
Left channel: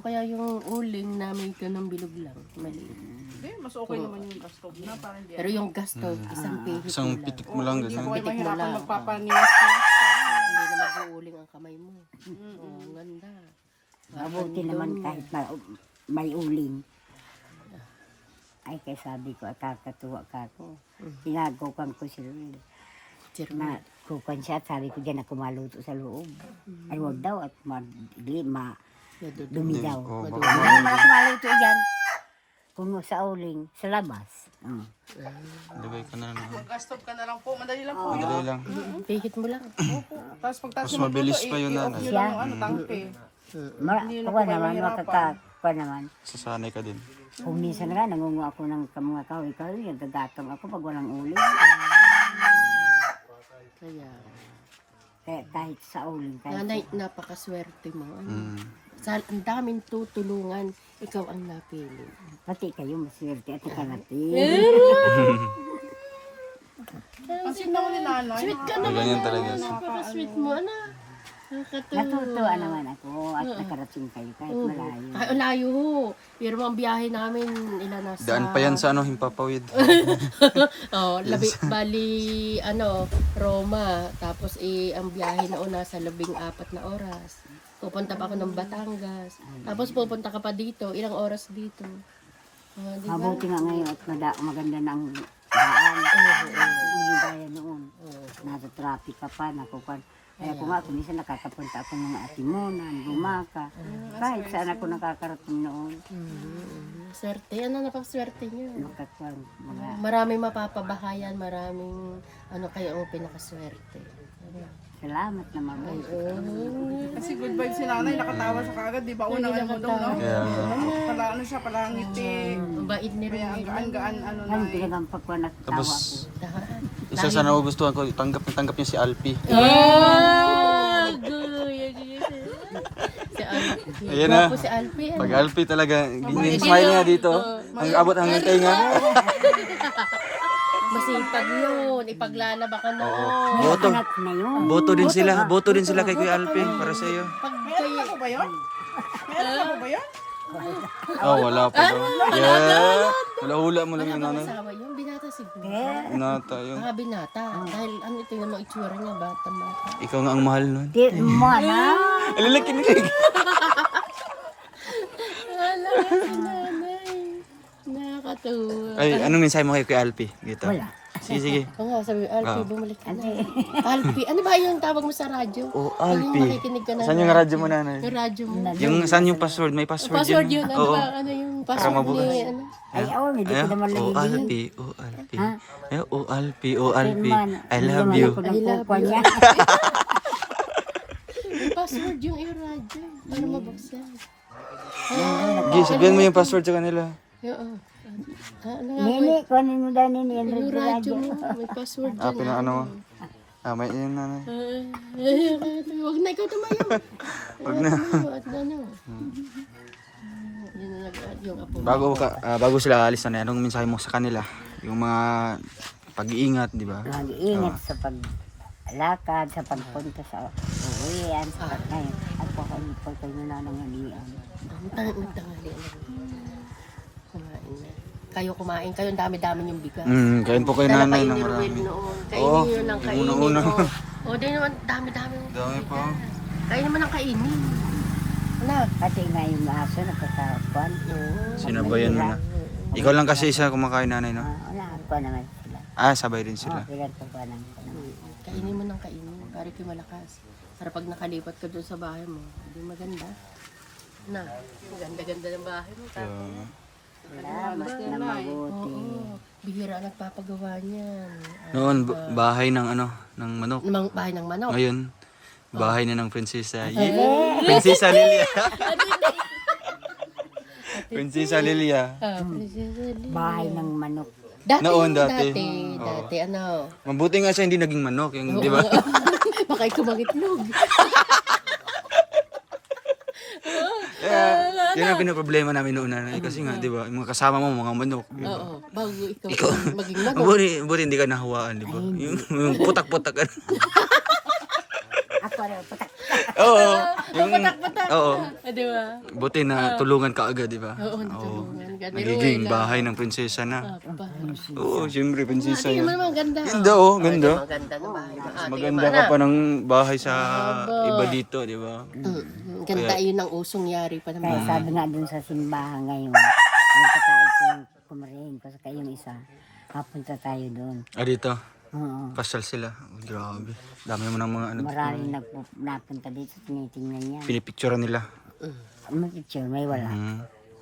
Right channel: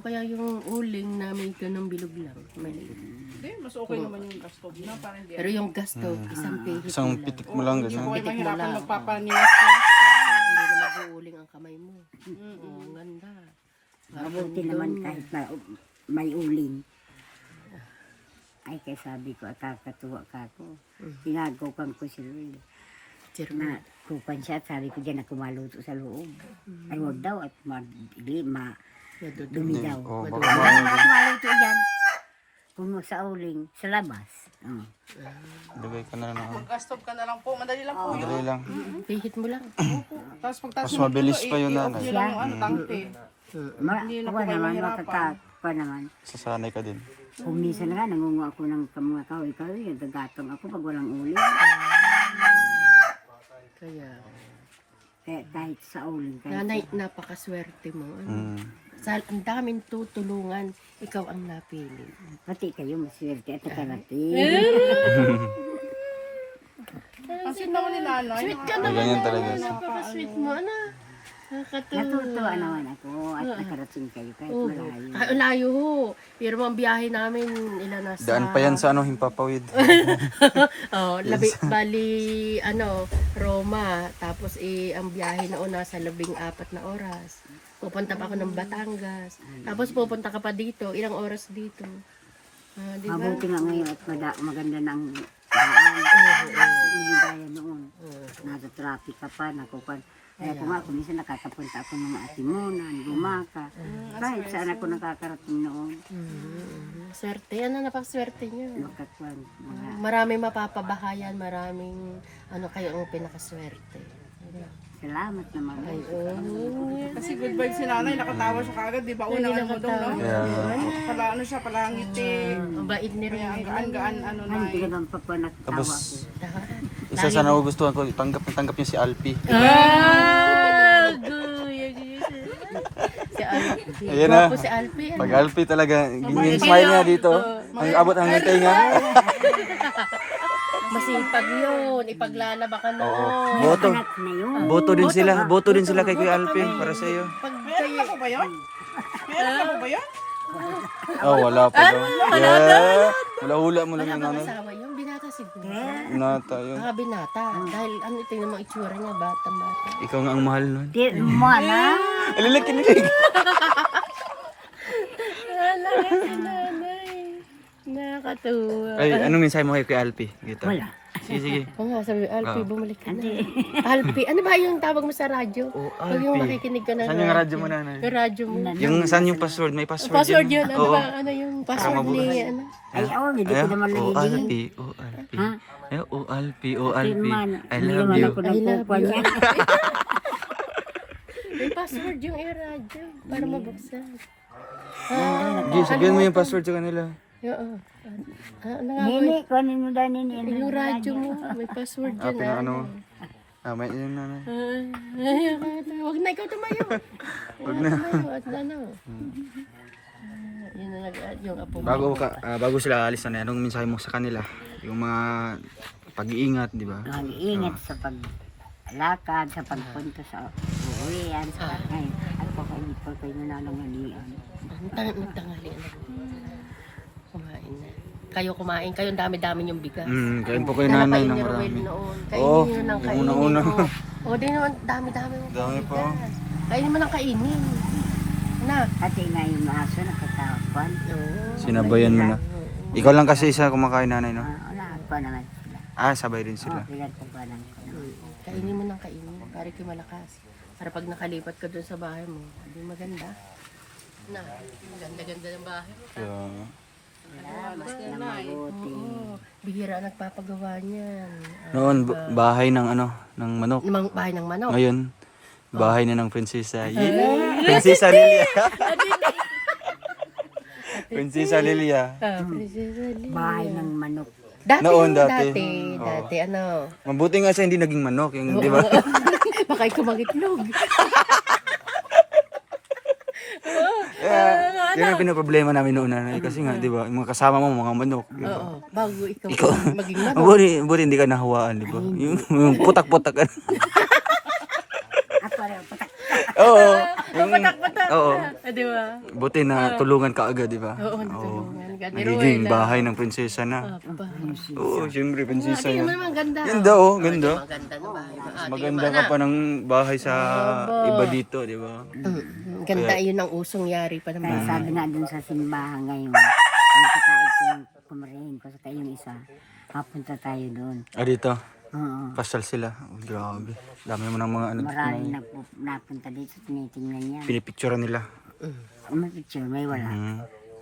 kaya yung uling na may ganun bilog lang, maliit. Hindi, mas okay naman yung gas stove na. Parang hindi. Pero yung gas stove, isang pihit Isang mo lang. pitik mo lang Hindi gano'n. ko ay Pitik mo mahirapan lang. magpapaniwas-niwas ka. Hindi na mag-uuling ang kamay mo. Oo, ganda. Mabuti naman kahit na may uling. Ay, kaya sabi ko, kakatuwa ka ako. Sinagukan ko si Ruel. Na kukan siya at sabi ko dyan ako maluto sa loob. Ay, wag daw at dumi daw. Oo, Ay, baka wag ako maluto dyan. Kung sa uling, sa labas. Lagay ka na lang. Mag-stop ka na lang po. Madali lang po. Madali lang. Pihit mo lang. Tapos pagtaas Mas mabilis pa yun, nanay. nyo lang yung ano, tangke. Ako naman, makakapa naman. Sasanay ka din. Kung minsan nga, nangungo ako ng mga kahoy-kahoy, nagagatong ako pag walang uling. Kaya, Kaya kahit sa uling, kahit nanay, napakaswerte mo. Ano? Mm. Ang daming tutulungan, ikaw ang napili. pati kayo maswerte at ikarating. Pansin naman ni nanay. Sweet ka Ay, naman. ganyan talaga. Napaka-sweet mo, ano? Nakakatuwa. Natutuwa naman ako at nakarating kayo kahit malayo. Ay, layo ho. Pero ang biyahe namin, ilan na sa... Daan pa yan sa ano, Himpapawid. Bali, Roma. Tapos ang biyahe na una sa 14 na oras. Pupunta pa ako ng Batangas. Tapos pupunta ka pa dito. Ilang oras dito. Di ba? Mabuti nga ngayon at maganda ng daan. Hindi gaya noon. Nasa traffic ka pa, nakupan. Kaya kung ako, minsan nakakapunta ako ng mga Atimunan, Bumaka. Kahit saan ako nakakarating noon. Swerte. Ano napaswerte niyo? Magkakwan, mga Maraming mapapabahayan. Maraming kayo ang pinakaswerte. salamat naman. Kasi good vibes si nanay. Nakatawa siya kagad. Di ba unang ano mo daw, no? Yeah. Pala ano siya, pala ngiti. Ang bait ni Kaya ang Romel. gaan-gaan ano na Hindi eh. naman pa po nagtawa Tapos, ko. isa sa nagugustuhan ko, tanggap niya si Alpi. Si Alpi. Ayan na. Gwapo si Alpi. Pag Alpi talaga, yung smile niya dito, ang abot hanggang tainga. Masipag yun. Ipaglalaba ka noon. Boto. Anak na yun. Boto din sila kay Kuya Alpi para sa iyo. Pag Meron kayo, na po ba yun? Meron na po ba yun? Oh, wala pa daw. Yeah. Hula-hula mo lang wala yung bang nanay. asawa yun? Binata siguro. Nata yun. Baka binata. Dahil tingnan mo itsura niya, bata-bata. Ikaw nga ang mahal nun. Di mo na. Alala, kinilig. Wala ka si nanay. Nakakatuwa. Ay, anong mensahe mo kay Kuya Alpi? Dito. Wala. Sige. Oo nga, sabi, Alpi, bumalik ka na. Alpi, ano ba yung tawag mo sa radyo? Oh, Pag yung Alpi. nakikinig ka ng Saan yung radyo mo, nanay? Yung radyo mo. Yung saan yung password? May password, Password yun, ano Oo. ba? Ano yung password ni, ano? Ay, hindi ko naman Oh, nalilingin. Alpi. Oh, Alpi. Oh, Alpi. Oh, Alpi. I Hindi love naman you. ako nagkukuha niya. May password yung radyo para mabuksan. Gi, sabihan mo yung password sa kanila. Oo. Ano nga? Nini, kunin mo daw nini. Yung radyo mo, may password Ah, yun. pinaano mo. Ah, may yun, nanay. Huwag na ikaw tumayo. Huwag na. Huwag na, no. Yun na nag-add yung apo mo. Bago sila alis na, anong mensahe mo sa kanila? Yung mga pag-iingat, di ba? Mag-iingat sa paglakad, sa pagpunta sa uwian, sa ngayon. At pakaipol kayo na ng halian. Nagtanghalian na. Kumain na. Kayo kumain, kayo ang dami-dami yung bigas. Kain po kayo Dala nanay kayo ng ni marami. Ruel noon. Oo, Kainin nyo ng yung kainin. unang-una. O, di naman, dami-dami. Dami po. Kainin mo ng kainin. Na. Kasi nga yung aso nakakapan. Sinabayan mo na. Ikaw lang kasi isa kumakain, nanay, no? Wala pa naman sila. Ah, sabay din sila. Bigat ko pa lang. Kainin mo ng kainin. Para kayo malakas. Para pag nakalipat ka doon sa bahay mo, hindi maganda. Na, maganda-ganda ng bahay mo. Salamat na mabuti. Oo. Bihira ang nagpapagawa niyan. Noon, bahay ng ng manok. Namang bahay ng manok. Ngayon, bahay na ng prinsesa. Prinsesa Lilia. Prinsesa Lilia. Prinsesa Lilia. Bahay ng manok. Dati, Noon, dati. dati. Dati, ano. Mabuti nga siya hindi naging manok, yung, di ba? Baka ikaw magitlog. Yan ang pinaproblema namin noon, nanay. Kasi nga, di ba, yung mga kasama mo, mga manok. Di ba? Oo. Bago ikaw maging manok. Mabuti hindi ka nahawaan, di ba? Yung putak-putak. Ako rin, patak. Oo. Patak-patak. Oo. Di ba? Buti na tulungan ka agad, di ba? Oo, natulungan ka. Ni Nagiging Ruel, bahay ng prinsesa na. Apa. Oo, siyempre, prinsesa Tingnan mo yan. naman, ganda. Ganda, oh, ganda. Ganda ng bahay mo. Maganda ka pa ng bahay sa iba dito, di ba? Ganda yun ang usong yari pa naman. Kaya sabi nga dun sa simbahan ngayon, yung kataid ko yung kumarihin ko sa yung isa, mapunta tayo doon. Ah, dito. Oo. Pasal sila. Oh, grabe. Dami mo ng mga Maraming napunta dito, tinitingnan niya. pinipicturean nila. May picture, may wala.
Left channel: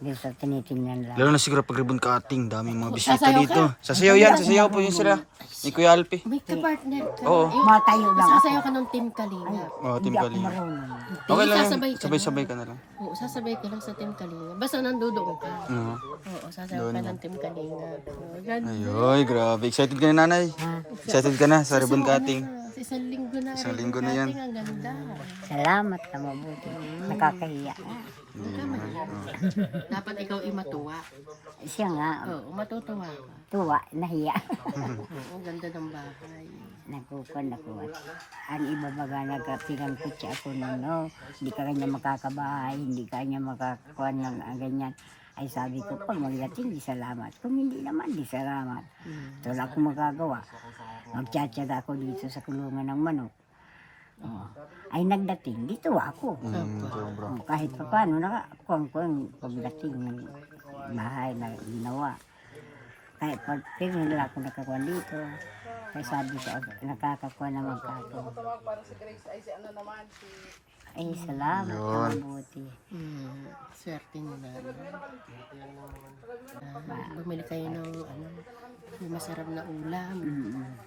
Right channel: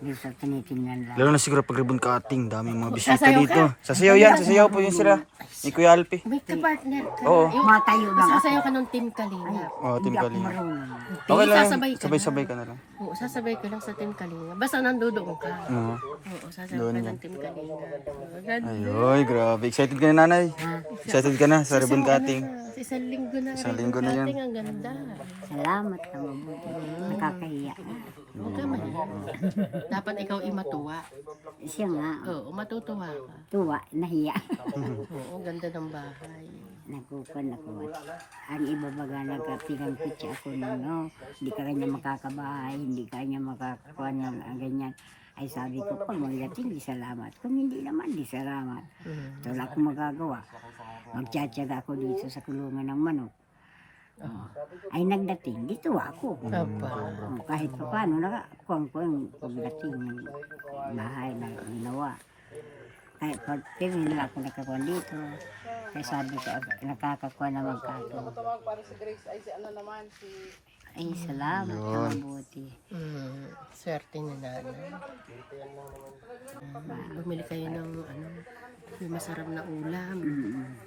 Hindi sa tinitingnan lang. Lalo na siguro pag ribbon cutting, daming mga bisita Sasayaw dito. Sasayaw yan, sasayaw po yun sila. Ni Kuya Alpi. May ka-partner ka. Oo. Yung, Mga tayo lang ako. sasayaw ka ng Team Kalinga. Oh, Team Kalinga. Marunong. Okay lang, Sasabay ka sabay-sabay ka na lang. Oo, sasabay ka lang sa Team Kalinga. Basta nandoon ka. Oo. Oo, sasabay ka ng Team Kalinga. Oo, ganda. Ayoy, grabe. Excited ka na, nanay? Excited ka na sa ribbon cutting? Sa isang linggo na. Isang linggo na yan. Ang ganda. Salamat ka mabuti. Nakakahiya. Dapat ikaw imatuwa. Siya nga, Oo, matutuwa ka. tuwa, nahiya. Oo, ganda ng bahay. Nagkukuhan ako. Ang iba baga nagpinangkutsa ako na no, hindi ka kanya makakabahay, hindi ka kanya makakuha ng ganyan. Ay sabi ko, pag magating, di salamat. Kung hindi naman, di salamat. So, wala akong magagawa. Magtsatsaga ako dito sa kulungan ng manok. Oh. Ay nagdating, dito ako. Oh, kahit pa paano, nakakuang pagdating ng bahay na ginawa. Kahit pag pinila ako nakakuha dito, kaya sabi ko, nakakakuha na magkato. Ay, salamat ka mabuti. Swerte ni nanay. Bumili kayo ng may masarap na ulam.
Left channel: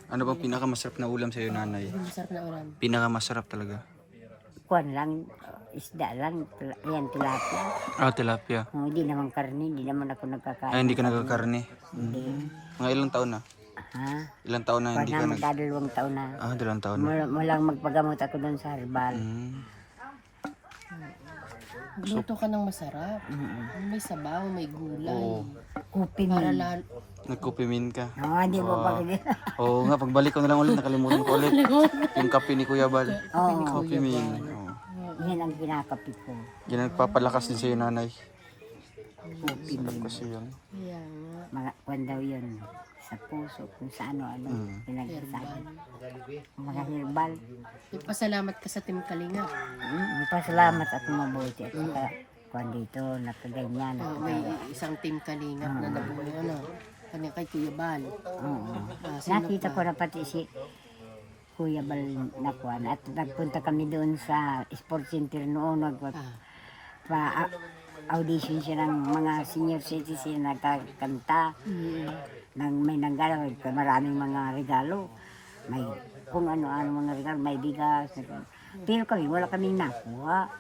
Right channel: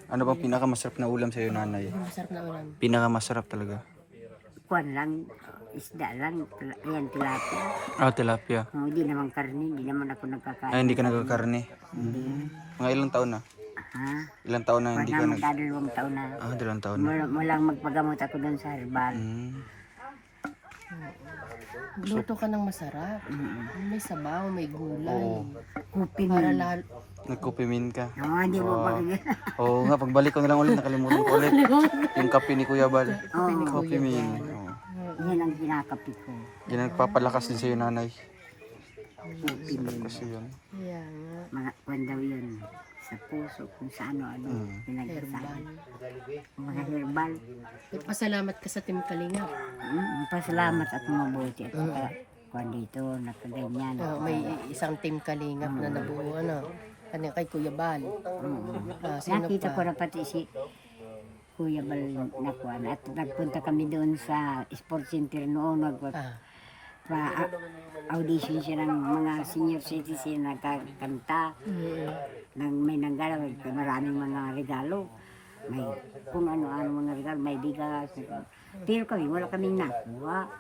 Ano bang pinakamasarap na ulam sa'yo, nanay? May masarap na ulam. Pinakamasarap talaga. Kuwan lang, isda lang, yan tilapia. Ah, tilapia. Oh, hindi naman karne, hindi naman ako nagkakain. Ay, hindi ka nagkakarne. Mga ilang taon na? Ha? Ilang taon na Pag hindi ka nag... magkadalawang taon na. Ah, 2 taon na. Walang magpagamot ako doon sa herbal. Luto ka ng masarap. May sabaw, may gulay. Oo. Kupi Para man. lalo. Nagkupimin ka. Oo, hindi mo pa ganyan. Oo nga, pagbalik ko na lang ulit, nakalimutan ko ulit. Yung kape ni Kuya Bal. Oo, Kape min. Oo. yan ang kinakapit ko. Yan nagpapalakas din sa'yo, nanay. Kupi Sarap man. kasi yan. Kaya nga. Mga kwan daw yun. Sa puso, kung sa ano-ano. Pinagsasabi. Mga herbal. Pasalamat ka sa Team Kalinga. Pasalamat at mabuti. At saka kwan dito, nakaganyan. May isang Team Kalinga na nabuo. Kanya kay Kuya Bal. Oo. Sino Nakita pa? ko na pati si Kuya Bal na kwan. At nagpunta kami doon sa sports center noon. Audition siya ng mga senior citizen nagkakanta. May nanggala, maraming mga regalo. May kung ano-ano mga regalo, may bigas. Pero kami, wala kaming nakuha.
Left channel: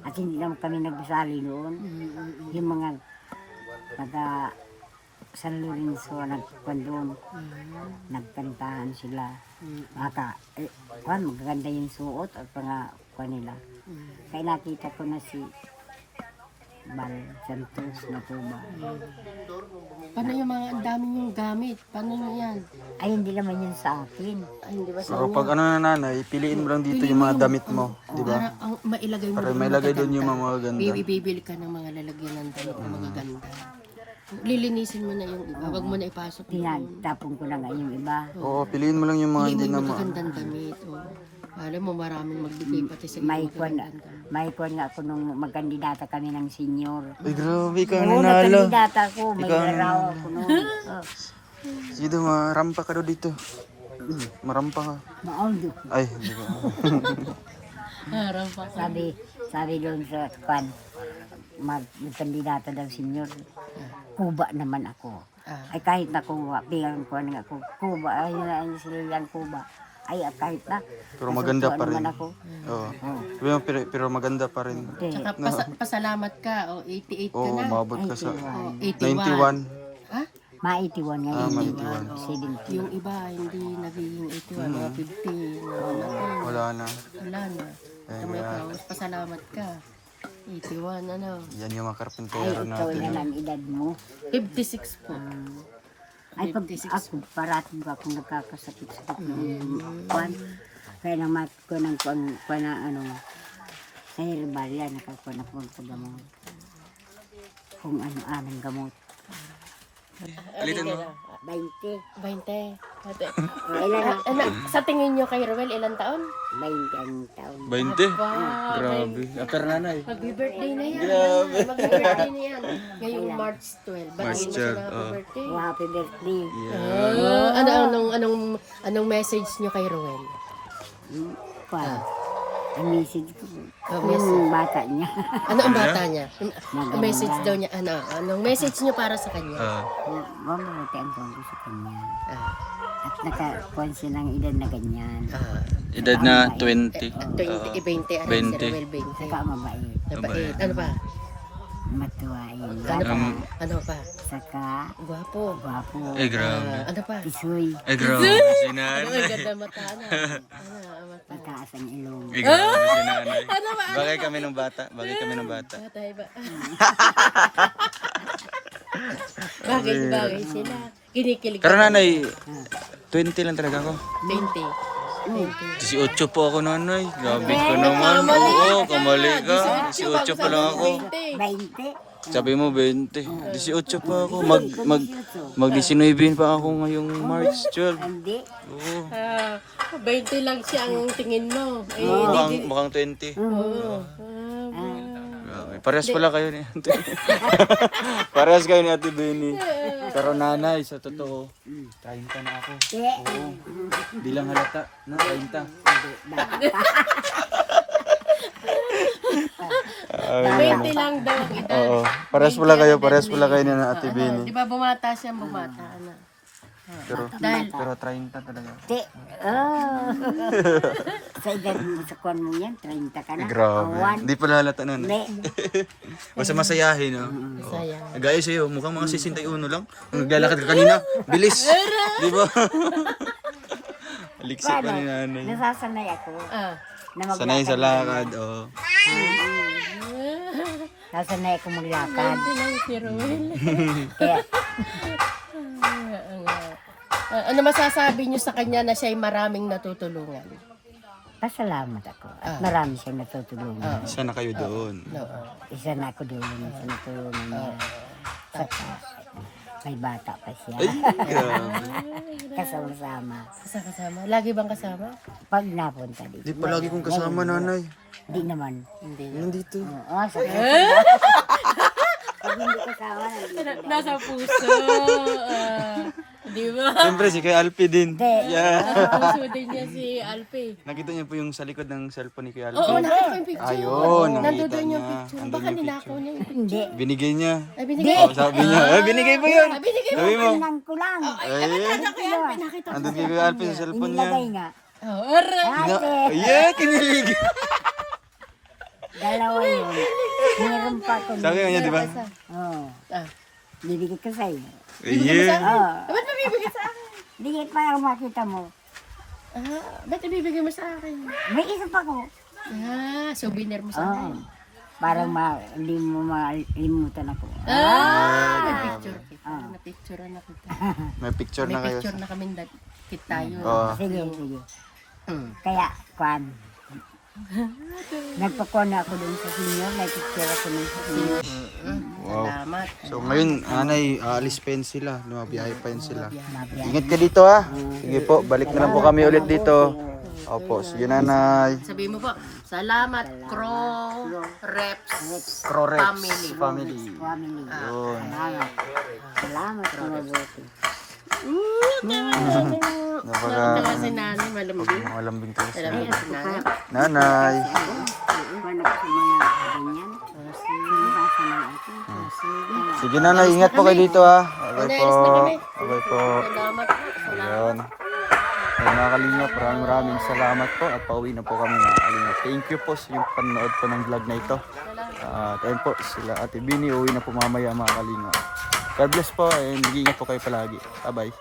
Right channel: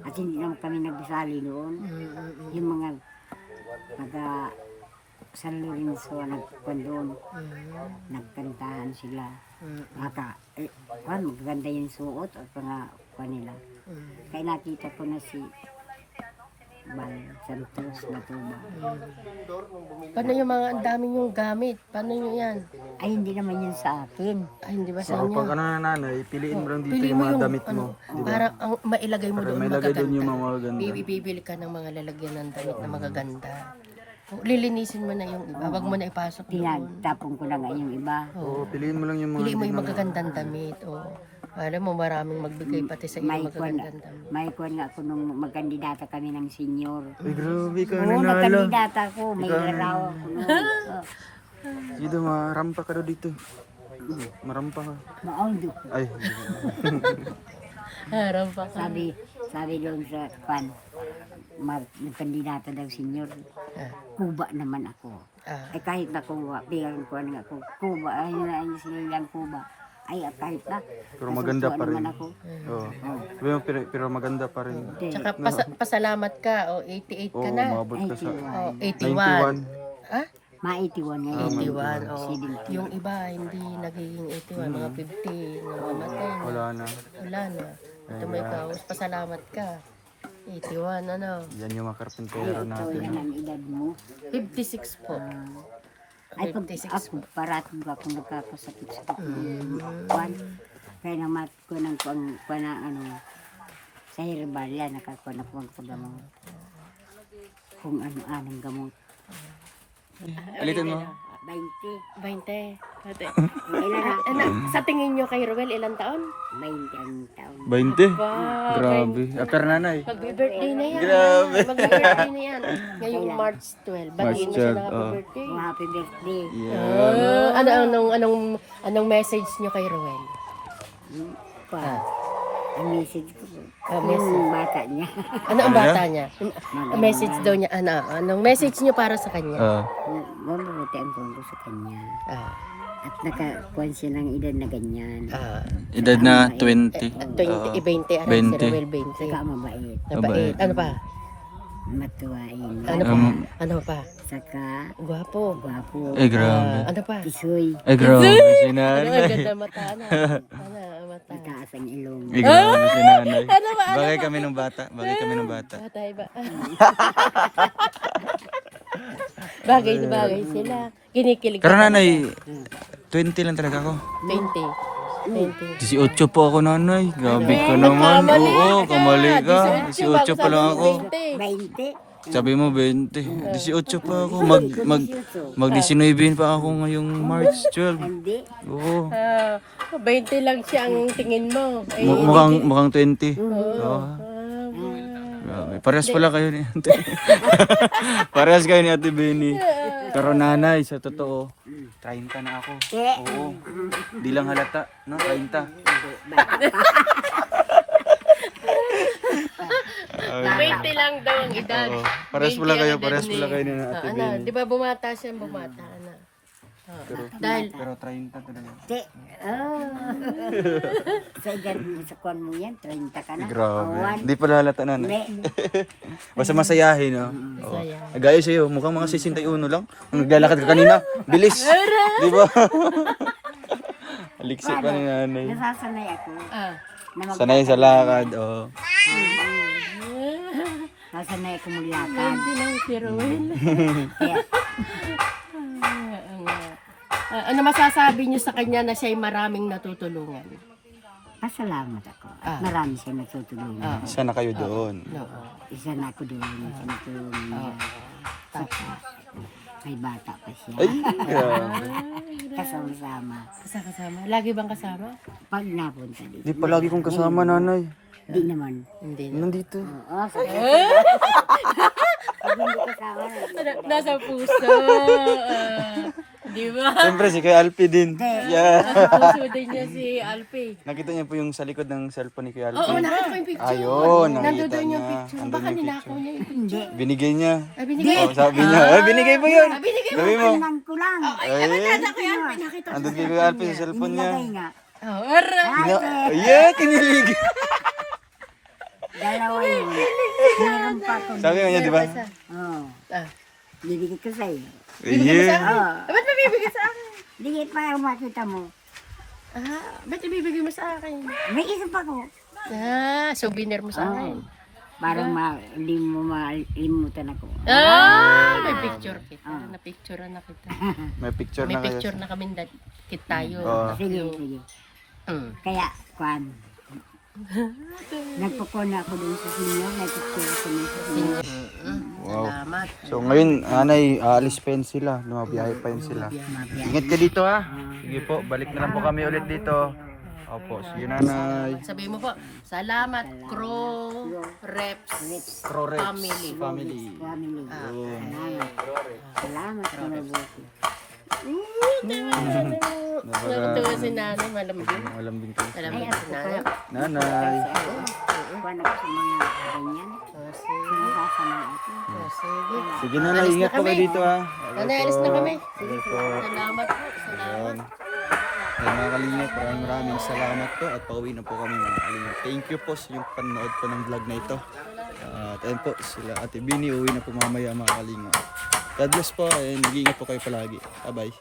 At hindi naman kami nagbisali doon. Yung mga taga San Lorenzo nagkuhan doon. Nagkantahan sila. Magaganda yung suot at mga kuhan nila. Kaya nakita ko na si Bal Santos na tuba. Paano yung mga ang dami yung gamit? Paano nyo yan? Ay, hindi naman yun sa akin. Ay, hindi ba sa Pero pag ano na, nanay, piliin mo lang dito yung mga damit mo. Di ba? Para mailagay mo Para doon may lagay doon magaganda. yung mga magaganda. Bibili ka ng mga lalagyan ng damit na magaganda. Lilinisin mo na yung iba. Wag mo na ipasok doon. Tinagtapon ko na nga yung iba. Oo, piliin mo lang yung mga Hindi mo hindi yung na magagandang damit. Alam mo, maraming magbigay pati sa iyo magagandang damit. May kwan nga ako nung magkandidata kami ng senior. Ay, grabe ka, Oo, nanalo. nagkandidata ako. May Ikaw laraw ako noon. Oh, Sige, marampa ka daw dito. Marampa ka. Maundo. Ay, hindi ka. Harap pa. Sabi doon sa kwan, nagkandidata daw senior. Kuba naman ako. Ay kahit na kuba, bilang ko nga ako. Kuba, ay sila yung kuba. Ay kahit na. Pero maganda pa rin. Naman ako. Oo. Sabi mo, pero maganda pa rin. Tsaka pasalamat ka. 88 ka Oo, na. umabot ka sa 81. 91. Ha? Ma-81 nga. Ah, 81. Yung iba, hindi nagiging 81. Mga 50. Namamatay. Wala na. Wala na. Ito may kaos. Pasalamat ka. 81, ano? Yan yung mga karpentero natin. Yan ang edad mo. 56 po. Ay pag ako, parating ko akong nagkakasakit sa kwan. Kaya naman ko ng kwan na ano, sa herbal yan, nakakuha na po ang gamot. Kung ano-anong gamot. Alitan mo. 20. 20. Ate. Ilan Sa tingin nyo kay Ruel, ilang taon? 20 ang taon. 20? Wow, Grabe. After nanay. Magbi-birthday na yan. Magbi-birthday na yan. Ngayong March 12. Batiin mo siya ng happy birthday. Oh, happy birthday. Anong message nyo kay Ruel? Kwan. Ang message ko. Message. Yung bata niya. Ano ang bata niya? Ang message daw niya, anong message niyo para sa kanya? Mabuti ang tungkol sa kanya. Ah, At nakakuhan siya ng edad na ganyan. Edad na 20. 20, aray, si Rowel 20. Saka mabait. Mabait. Ano pa? Matuwain. Ano pa? Ano pa? Saka Gwapo. gwapo. Grabe. Ano pa? Tisoy. Grabe si Ano, nanay. ang ganda mata. Ano ang mata? Mataas ang ilong. Grabe si nanay. Ano ba? Bagay kami ng bata. Bagay kami ng bata. Batay ba? Bagay sila. Kinikilig Pero ka nanay, 20 lang talaga ako. 20. 18 po ako nanay. Grabe ka naman. Oo, kamali ka. 18 pa lang ako. 20. Sabi mo 20. 18 pa ako. Mag-19 pa ako ngayong March 12. Hindi. Oo. 20 lang siya ang tingin mo. Eh, Mukhang 20. Grabe. Parehas pala kayo ni Ate. Parehas kayo ni Ate Benny. Pero nanay, sa totoo, 30 na ako. Oo. Di lang halata. No, 30. 20 lang daw ang edad. Oo. Parehas pala kayo. Parehas pala kayo ni Ate Benny. Di ba bumata siya, bumata. Ano? Dahil, Pero 30 talaga. Te. Sa edad mo, sa kwan mo yan, 30 ka na. Grabe. One. Hindi pala halata nanay. Hindi. Basta masayahin, no? Masaya. Gaya sa'yo, mukhang mga 61 lang. Nung naglalakad ka kanina, bilis. Di ba? Aliksi pa ni nanay. Nasasanay ako. Na Sanay sa lakad, oh. Nasanay ako maglakad. 20 lang si Rowel. Kaya, Ano masasabi niyo sa kanya na siya'y maraming natutulungan? pasalamat ako. At marami siyang natutulungan. Isa na kayo doon. Oo. Isa na ako doon sa natulungan niya. Tapos, may bata pa siya. Ay, grabe. Kasama-sama. Kasama. Lagi bang kasama? Pag napunta dito. Di palagi kong kasama, nanay. Di naman. Hindi na. Nandito. Pag hindi kasama, Nasa puso. Di ba? Siyempre, si Kuya Alpi din. Yeah. Nasa puso din niya si Alpi. Nakita niya po yung sa likod ng cellphone ni Kuya Alpi. Oo, nakita ko yung picture. Ayun, nakita Nandun yung niya. picture. Nandun Baka yung ninakaw niya yung picture. Binigay niya. Ay, binigay. Oh, sabi niya. Binigay mo yun. Binigay mo. Sabi mo. Nang ko lang. Ay, Nakita ko yan. Nakita ko. andun kay Kuya Alpi sa cellphone niya. Nilagay nga. Oh, ara. Yeah, kinilig. Dalawa yun. Meron pa ako. Sabi niya, di ba? Oo. Ah. Bibigay ko sa'yo. Yeah. Oo. Ba't mabibigay sa akin? Bigay pa yung makita mo. Ba't ibibigay mo sa akin? May isa pa ko. Souvenir mo sa akin. Para hindi mo malimutan ako. May picture kita. Na-picture na kita. May picture May na kayo. picture na kami kit tayo. Oo. Sige, sige. Kaya, kwan. Nagpakuha na ako doon sa senior. May picture ako doon sa senior. Wow. Salamat. So ngayon, anay, aalis pa yun sila. Lumabiyahe pa yun sila. Mabiyak. Ingat ka dito ha. Sige po, balik na lang po kami ulit dito. Opo, sige nanay. Sabi mo po, salamat Crow Reps Crorex Family. Family. Family. Yun. Salamat. Salamat sa mabuti. Natuwa si nanay, malambing. Mga lambing tayo. Malambing si nanay. Nanay. Kwan ako sa mga ganyan. Sinasama ako. Sige. Sige nanay, ingat po kayo dito ha. Okay Nanay, po. alis na kami. Okay po. Salamat po. Salamat. Ayun. Ayun mga kalingap, maraming salamat po at pauwi na po kami mga kalingap. Thank you po sa yung panonood po ng vlog na ito. At ayun po, sila Ate Bini, uwi na po mamaya mga kalingap. God bless po and ingat po kayo palagi. Bye bye.